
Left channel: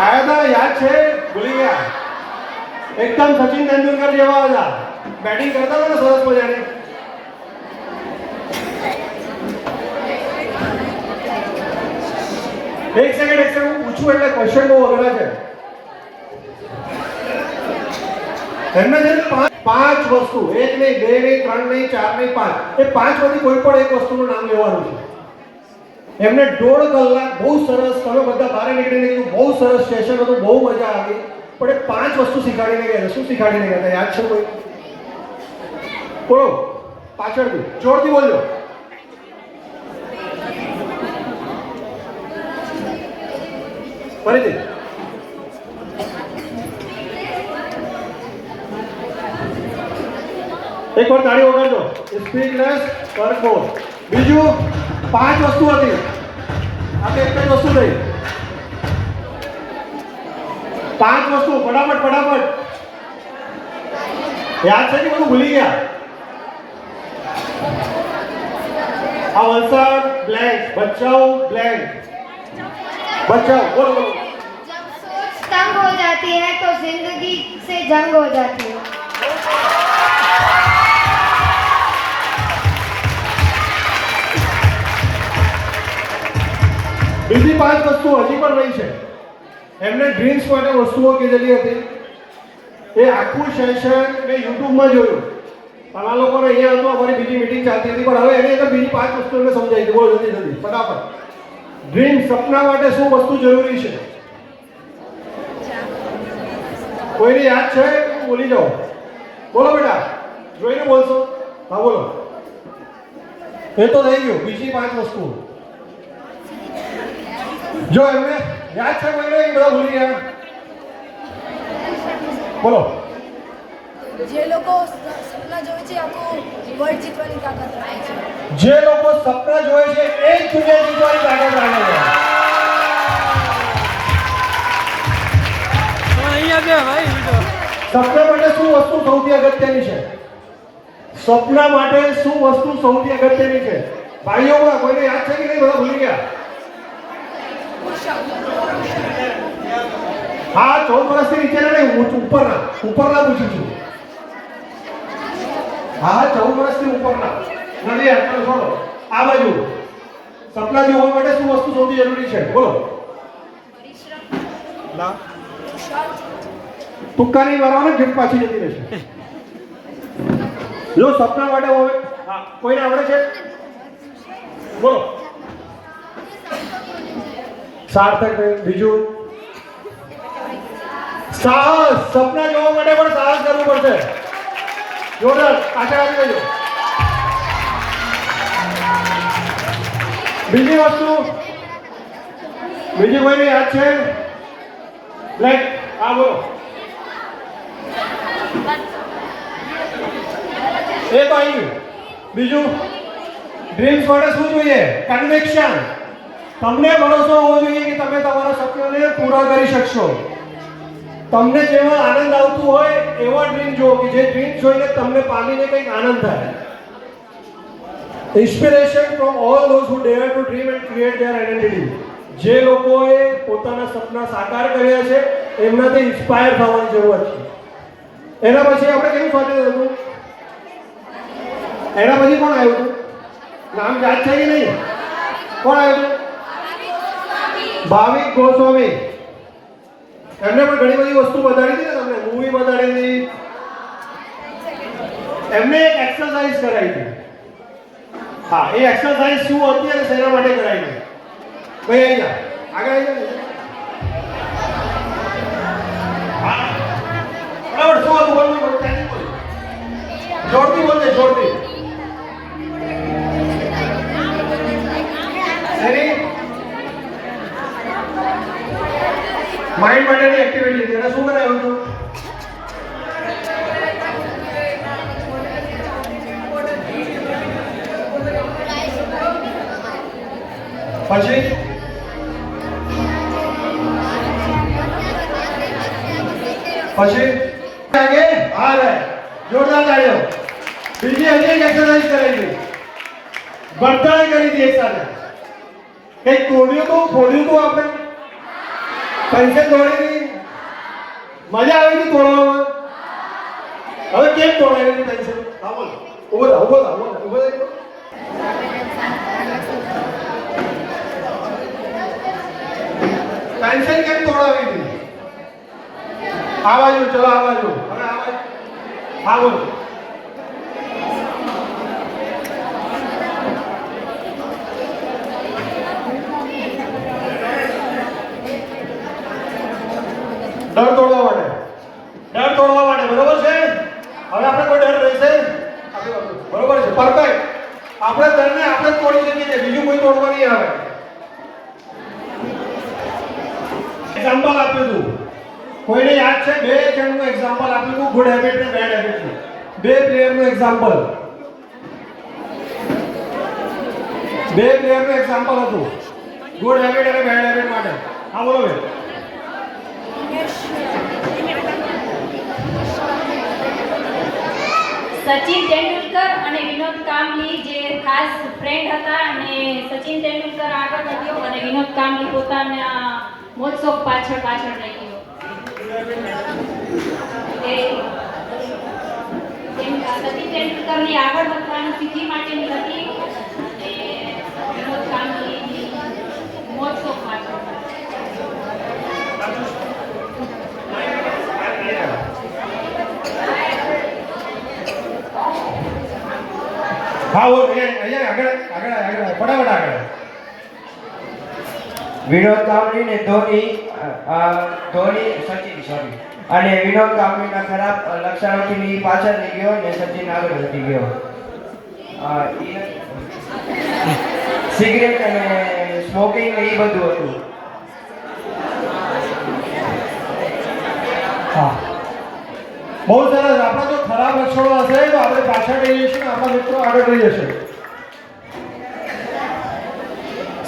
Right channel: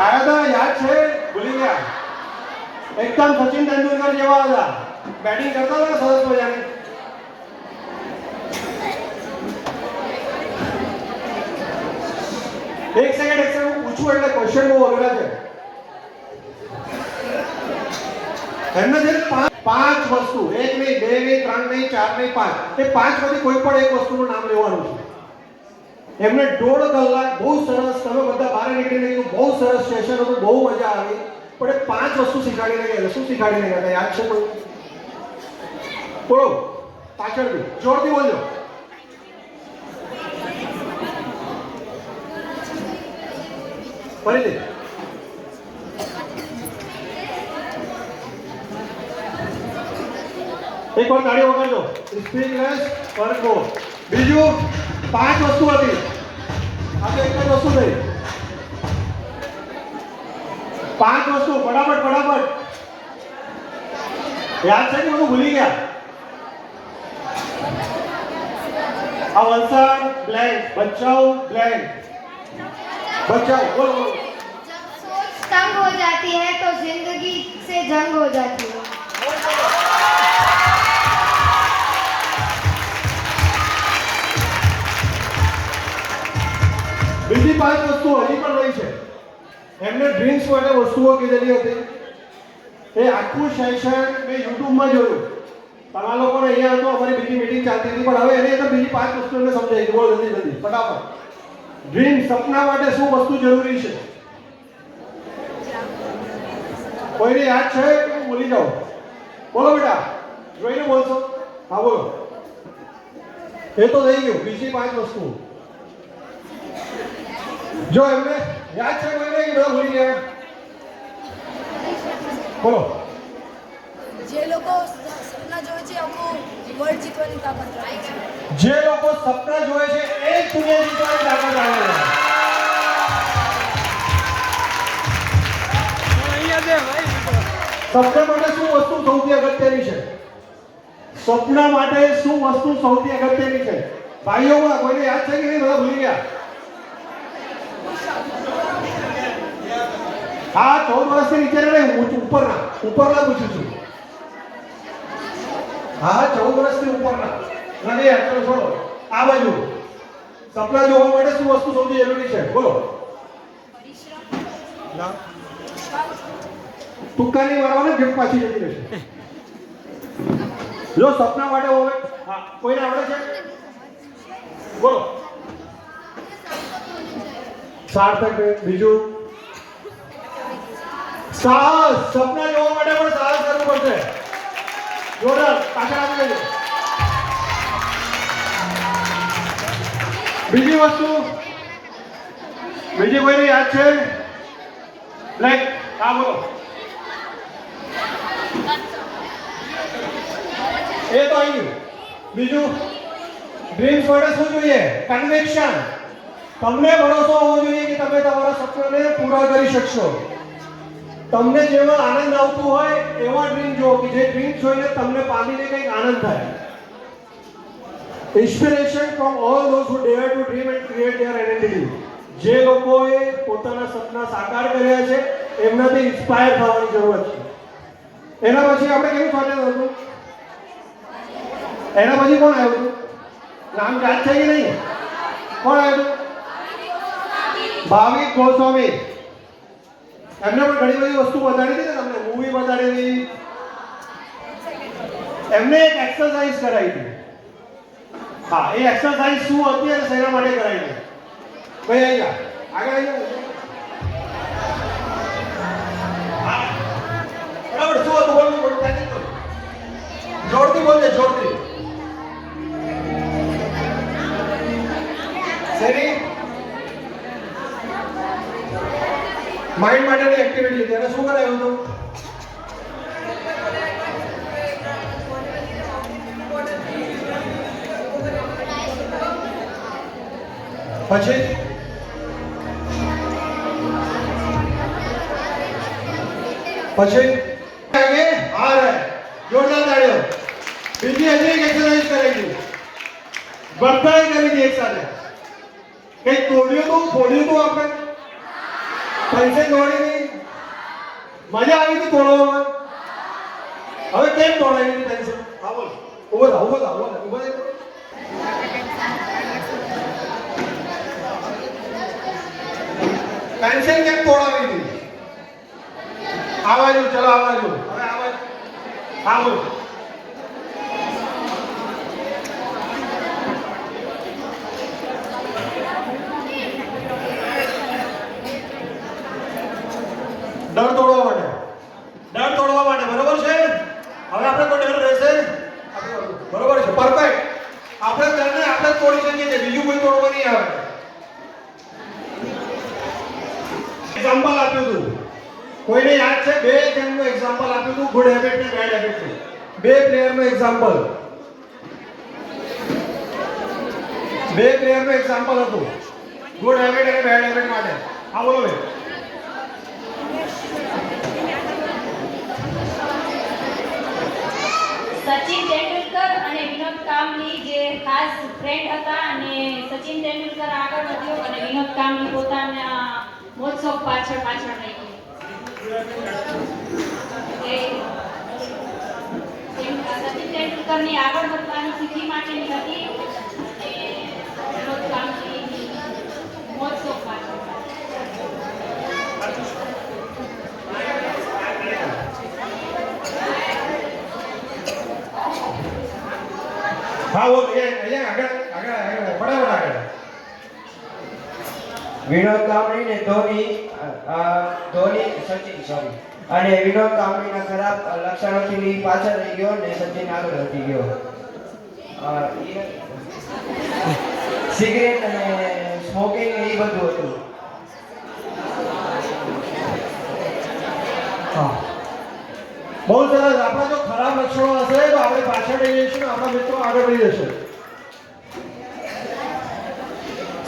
આયા હતા યાદ છે? ભૂલી ગયા? એકદમ સચિન તેંડુલકર જેવા હતા. બેટિંગ કરતા હતા ને સરસ મજાની. એક સેકન્ડ હું પૂછું એટલે ક્વેશ્ચન બહુ અઘરા છે. એમને છે પાંચ વસ્તુ, એક નહીં, બે નહીં, ત્રણ નહીં, ચાર નહીં, પાંચ. એ પાંચ માંથી કોઈ પણ એક વસ્તુનું નામ લેવાનું છે. એમને 1.5 કલાક બહુ સરસ. તમે બધા બહાર નીકળીને કીધું બહુ સરસ સેશન હતું, બહુ મજા આવી. પણ એ 5 વસ્તુ શીખાડીને ગયા. શું શીખાડીને ગયા? યાદ છે કોઈ? બોલો પાછળથી જોરથી બોલજો. ફરીથી. એક વાર તાળી વગાડજો. સ્પીક લેસ, વર્ક મોર. બીજું 5 વસ્તુ હતી. આપણે એક જ વસ્તુ થઈ. 5 વસ્તુ ફટાફટ. યાદ છે કે બધું ભૂલી ગયા? આ વલસાડ બ્લેન્ક, બચાવ બ્લેન્ક, બચાવ બોલો બોલો. जब सोच तंग हो जाती है तो जिंदगी से जंग हो जाती है. બીજી 5 વસ્તુઓ હજી પણ રહી છે. એમને ડ્રીમ્સ માટે વસ્તુઓ કીધેલી હતી. એ આખું સેશન મેં યુટ્યુબમાં જોયું. પણ આ લોકોને અહીંયા હતો, અમારી બીજી મીટિંગ ચાલતી હતી, પણ હવે એની અંદર બીજી 5 વસ્તુ એમને સમજાઈ ગઈ. બોલો જલ્દી જલ્દી ફટાફટ. ડ્રીમ, સપના માટે શું વસ્તુ જરૂરી છે? કોઈને યાદ છે કે હું ભૂલી જાઉં? બોલો બેટા, જોઈને બોલશો. હા બોલો. એ તો થઈ ગયું. બીજી 5 વસ્તુ જો એમને યાદ છે કોઈને? બધા ભૂલી ગયા. બોલો. જે લોકો સપના જોવે છે આખું વર્લ્ડ જીતવાની તાકાત રાખે છે. જે લોકો સપના જોવે છે એ જ દુનિયા જીતવાની તાકાત રાખે છે. સપના માટે શું વસ્તુ સૌથી અગત્યની છે? સપના માટે શું વસ્તુ સૌથી અગત્યની છે? ભાઈઓમાં કોઈને યાદ છે કે નહીં? બધા ભૂલી ગયા. હા, 14 વર્ષથી નીચેના નહીં, ઉપરના પૂછું છું. હા, 14 વર્ષથી ઉપરના નથી યાદ. ચલો છોડો. આ બાજુ સપના જોવા માટે શું વસ્તુ સૌથી જરૂરી છે? બોલો. ના, તુક્કા નહીં મારવાના, ઘેટ પાછી જતી રહેશે. જો સપના માટે હોય, હા, કોઈને આવડે છે? બોલો. સાર્થક. બીજું સાહસ. સપના જોવા માટે પણ સાહસ કરવું પડશે. જોરદાર. પાછળ આવી જજો. બીજી વસ્તુ, બીજી કોઈને યાદ છે? બ્લેક. હા બોલો. એ તો આવી ગયું. બીજું, ડ્રીમ્સ માટે શું જોઈએ? કન્વિક્શન. તમને ભરોસો હોવો જોઈએ કે તમે તમારા સપનાને પૂરા કરી શકશો. તમને જેવો આનંદ આવતું હોય એવા ડ્રીમ જુઓ કે જે ડ્રીમ જોઈને તમને પામીને કંઈક આનંદ થાય. Inspiration from all those who dare to dream and create their identity. જે લોકોએ પોતાના સપના સાકાર કર્યા છે એમનાથી ઇન્સ્પાયર થવાની જરૂર છે. એના પછી આપણે કેવું સ્વાગત હતું? એના પછી કોણ આવ્યું હતું? નામ યાદ છે કે નહીં? કોણ આવ્યું હતું? ભાવિક ગોસ્વામી. એમને પણ ઘણી બધી વસ્તુ બતાડી હતી ને તમને, મૂવી બતાડી હતી. એમને એક એક્સરસાઇઝ કરાવી હતી. હા, એ એક્સરસાઇઝ શું હતી અને શેના માટે કરાવી હતી? ભાઈ અહીંયા આગળ આવી જાઓ. હા બરાબર. શું હતું? બોલવું ત્યાંથી બોલ. જોરથી બોલજે, જોરથી. શેની? માઇન્ડ માટેની એક્ટિવિટી હતી. એને શું કરાવ્યું હતું? પછી આગે આ રહે. જોરદાર તાળીઓ. બીજી હજી એક એક્સરસાઇઝ કરાવી હતી. બધાએ કરી હતી એક સાથે. કંઈક તોડ્યું હતું, ફોડ્યું હતું આપણે? પેન્સિલ તોડી હતી? મજા આવી હતી તોડવામાં? હવે કેમ તોડાવી હતી પેન્સિલ? હા બોલ. ઉભો થા, ઉભો થા, ઉભો થા, ઉભો થા. પેન્સિલ કેમ તોડાવી હતી? આ બાજુ, ચલો આ બાજુ. હવે આ બાજુ. હા બોલો. ડર તોડવા માટે. ડર તોડવા માટે, બરોબર છે? હવે આપણે કોઈ ડર રહેશે? બરોબર છે, પરફેક્ટ. આપણે ડરને આપણે જ તોડી શકીએ છીએ, બીજું કોઈ તોડવા નહીં આવે. એક્ઝામ્પલ આપ્યું હતું. કોઈને યાદ છે? 2 જણનું એક્ઝામ્પલ આપ્યું હતું, ગુડ હેબિટ અને બેડ હેબિટ. 2 પ્લેયરનું એક્ઝામ્પલ. 2 પ્લેયરનું એક્ઝામ્પલ હતું ગુડ હેબિટ અને બેડ હેબિટ માટે. હા બોલો ભાઈ. સચિન તેંડુલકર અને વિનોદ કાંબલી જે ખાસ ખાસ ફ્રેન્ડ હતા અને સચિન તેંડુલકર આગળ વધ્યો અને વિનોદ કાંબળી પોતાના મોજ-શોખ પાછળ રહી ગયો. સચિન તેંડુલકરની આગળ વધવાની સિદ્ધિ માટેની હતી અને વિનોદ કાંબળીની મોજ-શોખ પાછળ. હા બોલ અહીંયા આગળ ફટાફટ આગળ. વિનોદ કાંબળી ને ધોની સચિન સોરી અને વિનોદ કાંબળીના ખરાબ લક્ષણોથી પાછળ રહી ગયો અને સચિન આગળ વધી ગયો. સિગરેટ અને સ્મોકિંગ એ બધું હતું. હા બહુ સરસ. આપણા જો ખરાબ લક્ષણો હશે તો આપણે પાછળ રહી જઈશું, આપણા મિત્રો આગળ રહી જશે.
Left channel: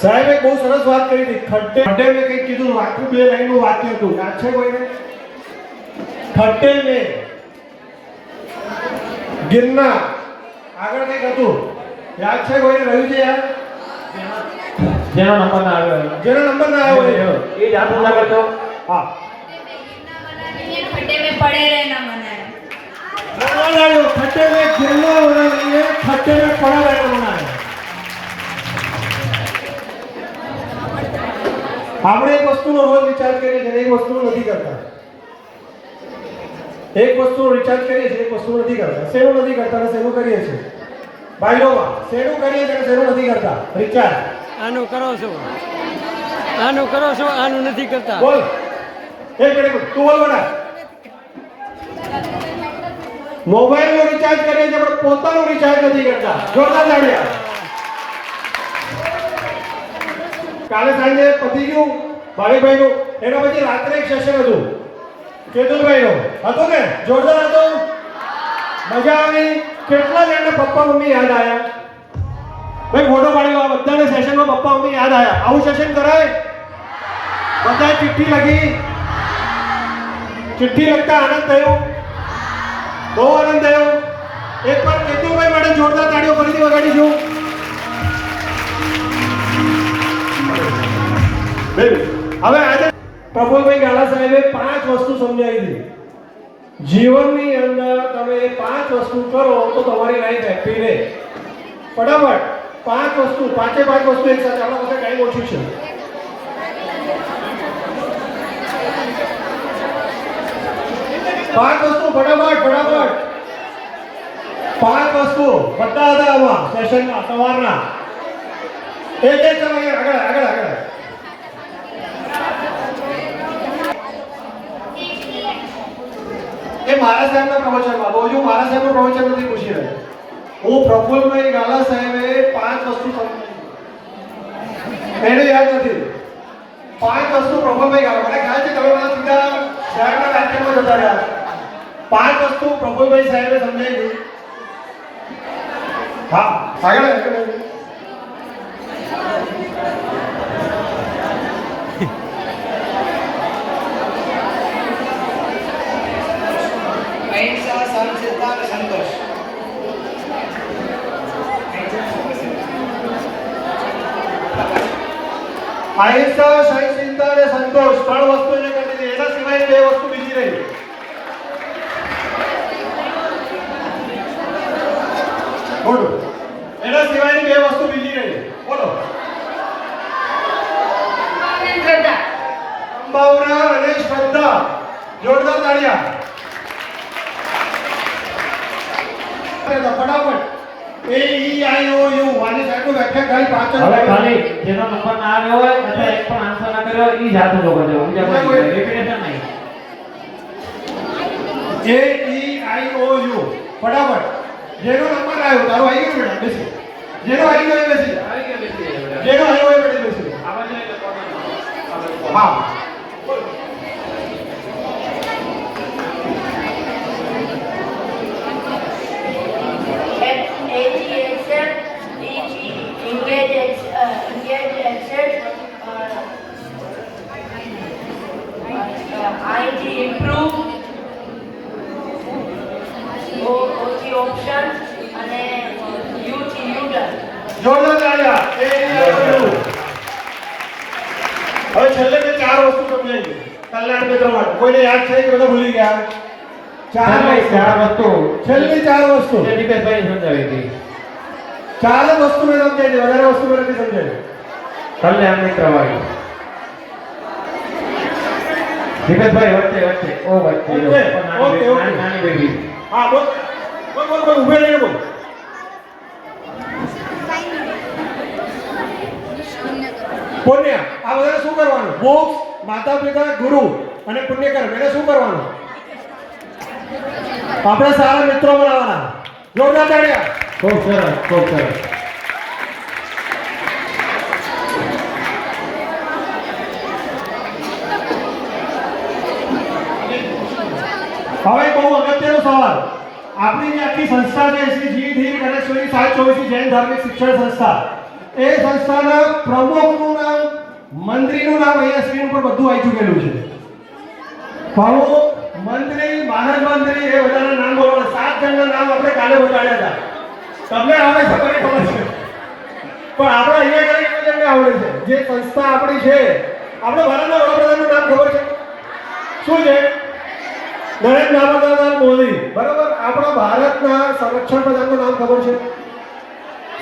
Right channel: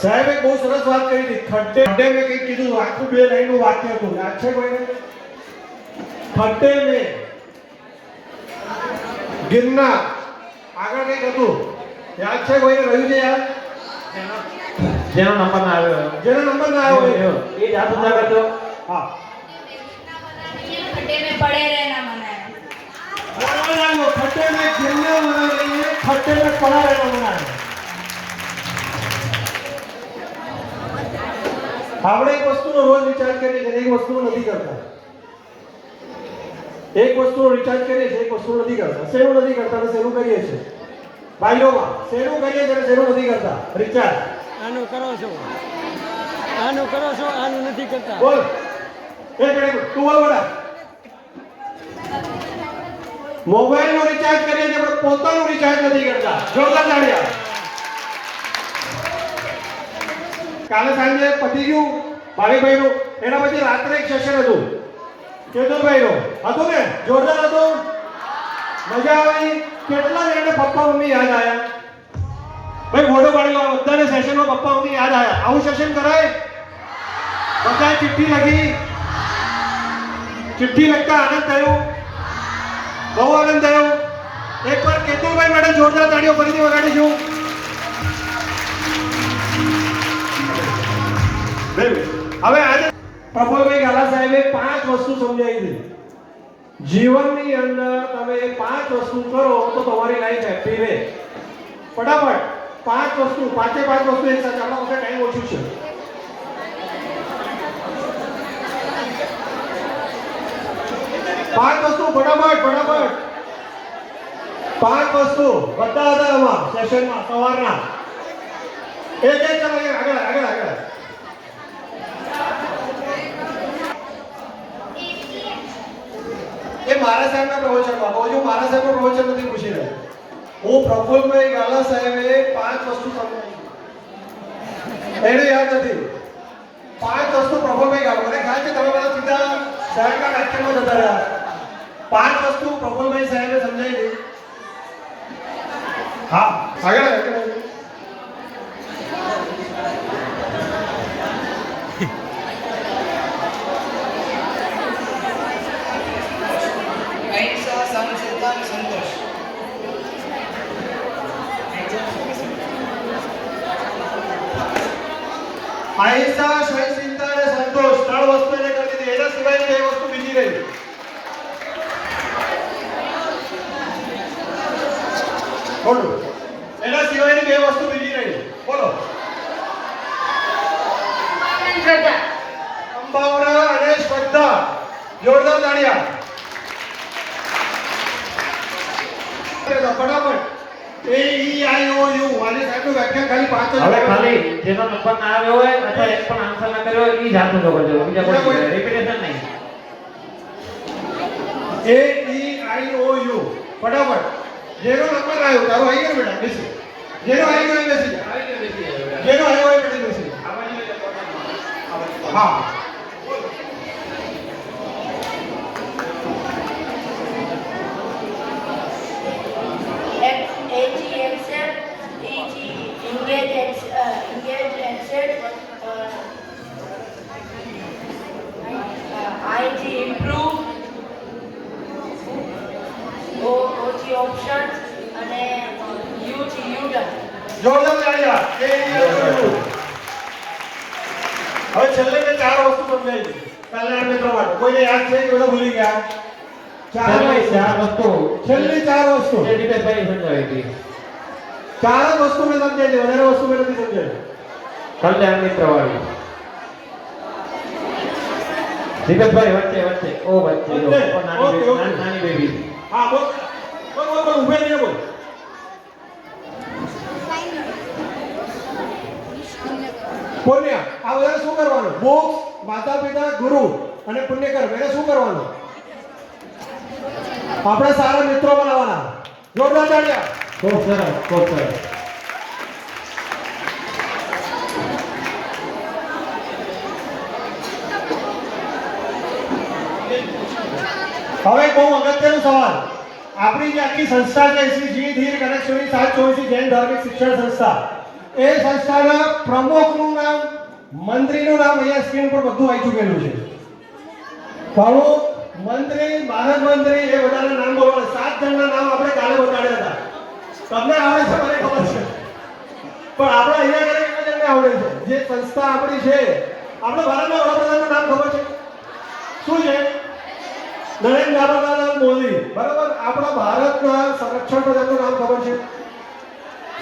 સાહેબે બહુ સરસ વાત કરી હતી. ખડ્ડે મેં કંઈક કીધું, આખું 2 લાઈનનું વાક્ય હતું, યાદ છે કોઈને? ખડ્ડે મેં ગિરનાર આગળ કંઈક હતું, યાદ છે કોઈને? રહ્યું છે યાદ? જેનો નંબર ના આવ્યો જેનો નંબર ના આવ્યો એ જ હાથ ઊંચા કરતો. હા खड्डे में पड़े रहना मना है. बोल रहा हूँ, खड्डे में गिरना होना नहीं है, खड्डे में पड़ा रहना होना है. આપણે એક વસ્તુનો રોજ વિચાર કરીએ છીએ, એક વસ્તુનો નથી કરતા. એક વસ્તુનો વિચાર કરીએ છીએ, એક વસ્તુ નથી કરતા. શેનું નથી કરતા અને શેનું કરીએ છીએ? ભાઈઓમાં શેનું કરીએ છીએ અને શેનું નથી કરતા? વિચાર. આનું કરો છો, આનું કરો છો, આનું નથી કરતા. બોલ. એક મિનિટ તું બોલ બેટા. મોબાઈલનો રિચાર્જ કરીએ છીએ પણ પોતાનું રિચાર્જ નથી કરતા. જોરદાર તાળીઓ. કાલે સાંજે પતી ગયું ભાલીભાઈનું, એના પછી રાત્રે એક સેશન હતું કેતનભાઈનું, હતું ને? જોરદાર હતું, મજા આવી. કેટલા જણને પપ્પા મમ્મી યાદ આવ્યા? ભાઈ ફોટો પાડ્યો. આ બધાને સેશનમાં પપ્પા મમ્મી યાદ આવ્યા. આવું સેશન કરાય? બધાએ ચિઠ્ઠી લખી, ચિઠ્ઠી લખતા આનંદ થયો, બહુ આનંદ થયો. એકવાર કેતુભાઈ માટે જોરદાર તાળીઓ ફરીથી વગાડીશું. હવે આજે પ્રફુલભાઈ ગાલા સાહેબે 5 વસ્તુ સમજાવી દીધી. જીવનની અંદર તમે 5 વસ્તુ કરો તો તમારી લાઈફ હેપી રહે. ફટાફટ 5 વસ્તુ, 5 વસ્તુ એક સાથે. આપણા પાસે ટાઈમ ઓછું છે. પાંચ વસ્તુ ફટાફટ. 5 વસ્તુ બધા હતા આમાં સેશનમાં સવારના. એક સમય આગળ. એ મારા સાહેબના પ્રવચનમાં, તો હજુ મારા સાહેબનું પ્રવચન નથી પૂછી રહ્યો. હું પ્રફુલભાઈ ગાલા સાહેબે 5 વસ્તુ સમજાવી, એને યાદ નથી. 5 વસ્તુ પ્રફુલભાઈ ગાલા, મને ખ્યાલ છે તમે બધા સીધા સાહેબના વ્યાખ્યાનમાં જતા રહ્યા. 5 વસ્તુ પ્રફુલભાઈ સાહેબે સમજાવી દીધી. હા આગળ. અહિંસા, સહનશીલતા અને સંતોષ. અહિંસા, સહનશીલતા અને સંતોષ 3 વસ્તુ જે કરી દીધી. એના સિવાય 2 વસ્તુ બીજી રહી. બોલો. એના સિવાયની 2 વસ્તુ બીજી રહી. બોલો. સંભાવના અને શ્રદ્ધા. જોરદાર તાળીયા. ફટાફટ. AEIOU વાલી સાહેબનું વ્યાખ્યા ખાલી 5 હવે ખાલી જેનો નંબર ના આવ્યો હોય અથવા એક પણ આન્સર ના કર્યો હોય એ જ હાથ ઊંચો કરજો. બીજા કોઈ રિપીટેશન નહીં. AEIOU ફટાફટ. જેનો નંબર આવ્યો તારો આવી ગયો બેટા બેસી. જેનો આવી ગયો બેસી જા. જેનો આવ્યો હોય બેટા બેસી જા. હા. હવે છેલ્લે મેં 4 વસ્તુ સમજાવી કલ્યાણ મિત્ર માટે. કોઈને યાદ છે કે ભૂલી ગયા? 4 ચાર વસ્તુ છેલ્લી 4 વસ્તુ. જે દીપેશભાઈ સમજાવી હતી. 4 જ વસ્તુ મેં સમજાવી, વધારે વસ્તુ મેં નથી સમજાવી. કલ્યાણ મિત્ર વાળી. દીપેશભાઈ વચ્ચે ઓ વચ્ચે જો વચ્ચે. પણ નાની ઓકે, ઓકે. નાની બેબી. હા બોલ બોલ ઊભે રહીને બોલ. પુણ્ય આ બધા શું કરવાનું? મોક્ષ, માતા પિતા, ગુરુ અને પુણ્ય કર્મ એને શું કરવાનું? આપણે સારા મિત્રો બનાવવાના. જોરદાર તાળીઓ. ખૂબ સરસ ખૂબ સરસ. હવે બહુ અગત્યનો સવાલ. આપણી જે આખી સંસ્થા છે શ્રી જી ધીર ગણેશ્વરી 724 જૈન ધાર્મિક શિક્ષણ સંસ્થા, એ સંસ્થાના પ્રમુખનું નામ, મંત્રીનું નામ અહીંયા સ્ક્રીન પર બધું આવી ચૂકેલું છે. પ્રમુખ, મંત્રી, મહારાજ મંત્રી એ બધાના નામ બોલવાના. 7 જણના નામ આપણે કાલે બતાડ્યા હતા. તમને આવે છે મને ખબર છે, પણ આપણે અહીંયા કરી જણને આવડે છે. જે સંસ્થા આપણી છે, આપણે ભારતના વડાપ્રધાનનું નામ ખબર છે શું છે? નરેન્દ્ર દામોદરદાસ મોદી. બરાબર. આપણા ભારતના સંરક્ષણ પ્રધાનનું નામ ખબર છે?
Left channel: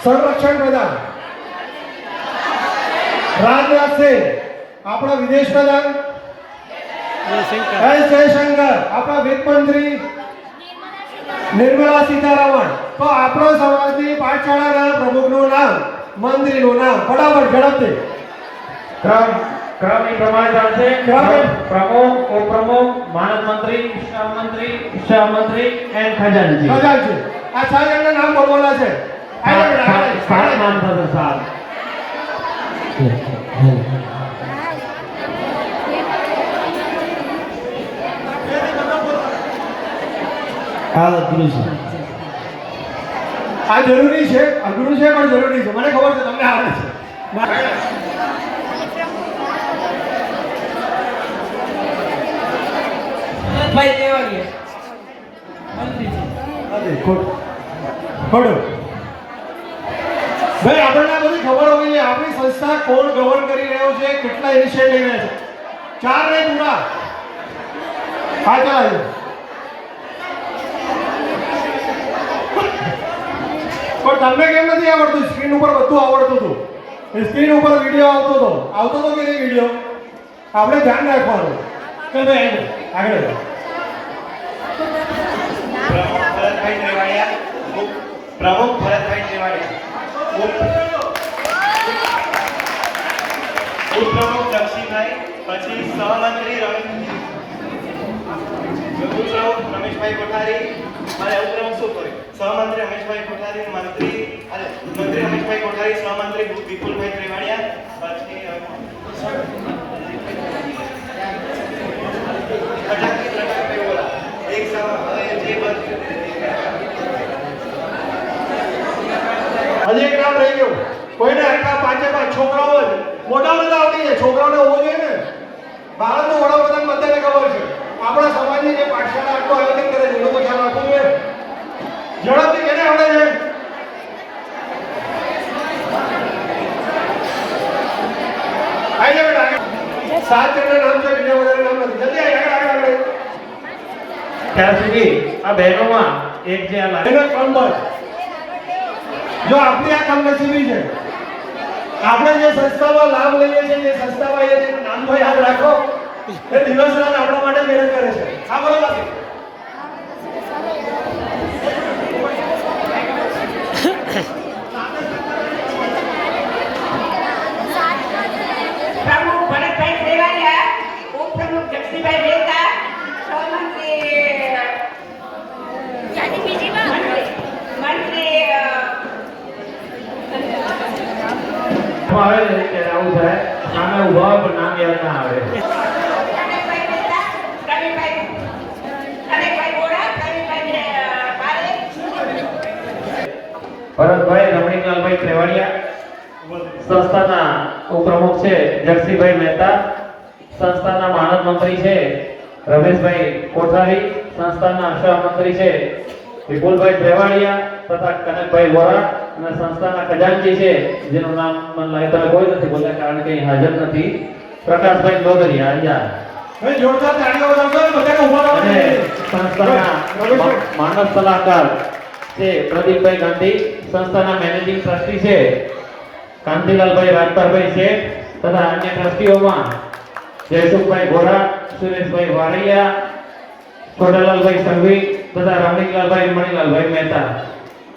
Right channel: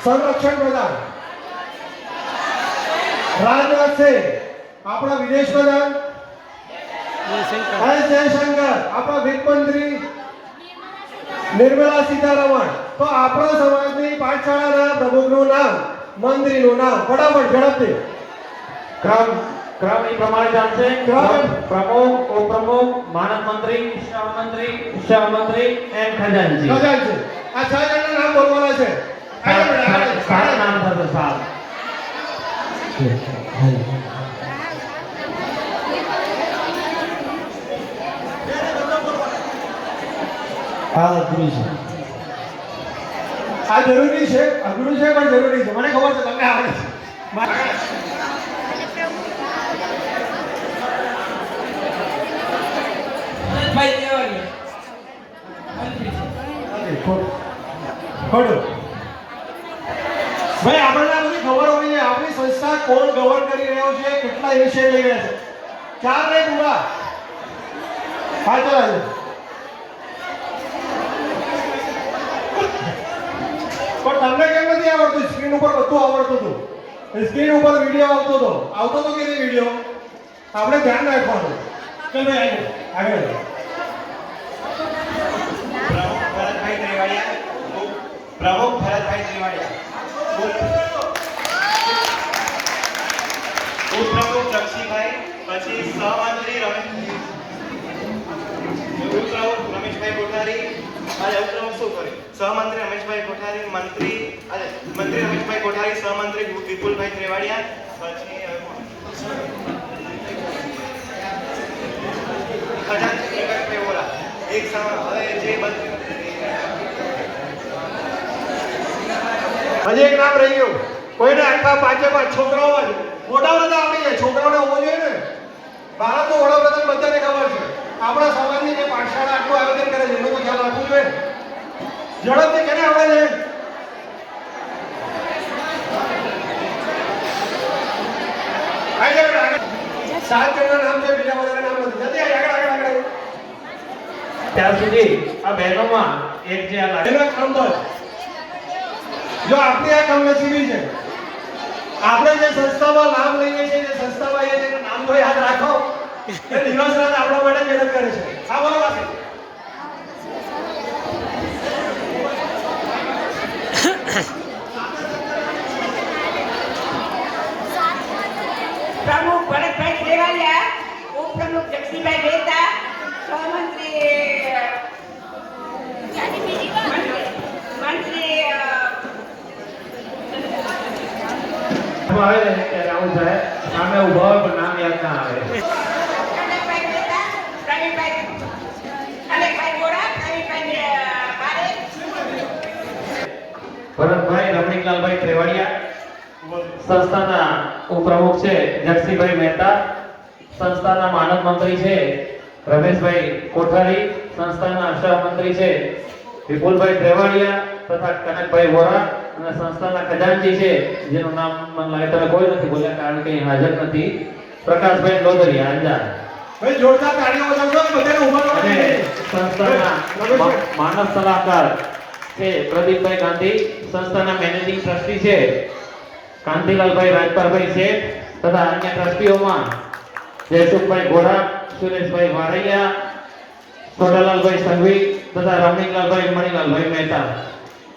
સંરક્ષણ પ્રધાન રાજનાથ સિંહ. આપણા વિદેશ પ્રધાન એસ જયશંકર. આપણા વિત્ત મંત્રી નિર્મલા સીતારમણ. તો આપણા સમાજની પાઠશાળાના પ્રમુખનું નામ, મંત્રીનું નામ ફટાફટ ઝડપથી. ક્રમ એ પ્રમાણે ચાલશે. પ્રમુખ, ઉપપ્રમુખ, માનદ મંત્રી, સહમંત્રી એન્ડ ખજાનચી. ખજાનચી. આ 6 જણના નામ બોલવાના છે. સાત નામ થશે. 7. આ જરૂરી છે, અઘરું છે પણ જરૂરી છે. મને ખબર છે તમને આવડે છે. ભાઈ દેવાની ખોડો. ભાઈ આપણને આ બધી ખબર હોવી જોઈએ. આપણી સંસ્થા કોણ ગવર્ન કરી રહ્યું છે, કેટલા ઇનિશિયેટિવ લઈ રહ્યા છે. 4 ને પૂરા. હા ચાલો. પણ તમને કેમ નથી આવડતું? સ્ક્રીન ઉપર બધું આવડતું હતું. સ્ક્રીન ઉપર વિડીયો આવતો હતો કે નહીં વિડીયો? આપણે ધ્યાન રાખવાનું કે ભાઈ આગળ. પ્રમુખ ભરતભાઈ ત્રિવાડિયા, ઉપપ્રમુખ લક્ષ્મીભાઈ, પછી સહમંત્રી ઉપપ્રમુખ રમેશભાઈ કોઠારી, અને ઉપપ્રમુખ શું કર્યું? સહમંત્રી રમેશભાઈ કોઠારી, મંત્રી રમેશભાઈ કોઠારી, સહમંત્રી વિપુલભાઈ ત્રિવાડિયા, પછી એક જે હજી એક કામ રહી ગયું. કોઈને આટલા 5 છોકરાઓ છે, મોટાઓને તો આવડી જાય, છોકરાઓને હોવો જોઈએ ને. ભારતનો વડાપ્રધાન બધાને ખબર છે. આપણા સમાજની જે પાઠશાળા આટલું આયોજન કરે છે એનો તો ખ્યાલ રાખવો જોઈએ. ઝડપથી કેને આવડે છે? આગળ 7 જણના નામ છે, બીજા બધાના નામ નથી. જલ્દી આગળ. ત્યાં સુધી આ બહેનોમાં એક જે આ લાગે એનો ક્રમ બસ. જો આપણી આ કમનસીબી છે. આપણે જે સંસ્થામાં લાભ લઈએ છીએ, જે સંસ્થામાં એ તેનું નામ તો યાદ રાખો. એ દિવસ રાત આપણા માટે મહેનત કરે છે. હા બરોબર છે. પ્રમુખ ભરતભાઈ ત્રિવાડિયા, ઉપપ્રમુખ જગદીશભાઈ મહેતા, સહમંત્રી મંત્રી આવે ને ત્યારે આવું થાય. સામે ઉભા હોય પણ નામ યાદ ના આવે. રમેશભાઈ મહેતા, પ્રવીણભાઈ ગોળા, પ્રવીણભાઈ બારે, ભરતભાઈ રમણીકલાલભાઈ ત્રિવાડિયા. સંસ્થાના ઉપપ્રમુખ છે જગદીશભાઈ મહેતા. સંસ્થાના માનદ મંત્રી છે રમેશભાઈ કોઠારી. સંસ્થાના સહમંત્રી છે વિપુલભાઈ ત્રિવાડિયા તથા કનકભાઈ વોરા. અને સંસ્થાના ખજાનચી છે જેનું નામ મને લાગે તમે કોઈ નથી બોલ્યા કારણ કે અહીં હાજર નથી, પ્રકાશભાઈ ગોદરિયા અંજાર. ભાઈ જોરદાર તાળીઓ બજાવજો બધાને ઊભા રહો. અને સંસ્થાના માનવ સલાહકાર છે પ્રદીપભાઈ ગાંધી, સંસ્થાના મેનેજિંગ ટ્રસ્ટી છે કાંતિલાલભાઈ રાજપારભાઈ શેઠ તથા અન્ય ટ્રસ્ટીઓમાં જયસુખભાઈ ગોરા, સુરેશભાઈ વારૈયા, કોડાલાલભાઈ સંઘવી તથા રમણીકલાલભાઈ મણીલાલભાઈ મહેતા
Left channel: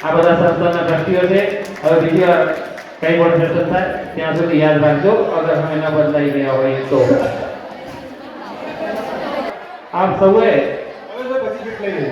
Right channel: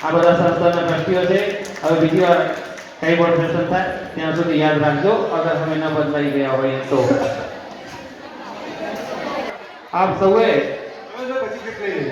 આ બધા સંસ્થાના ટ્રસ્ટીઓ છે. હવે બીજી વાર કઈ બોર્ડ સેશન થાય ત્યાં સુધી યાદ રાખજો અગર અમે ન બદલાઈ ગયા હોય તો. આપ સૌએ હવે પછી કેટલી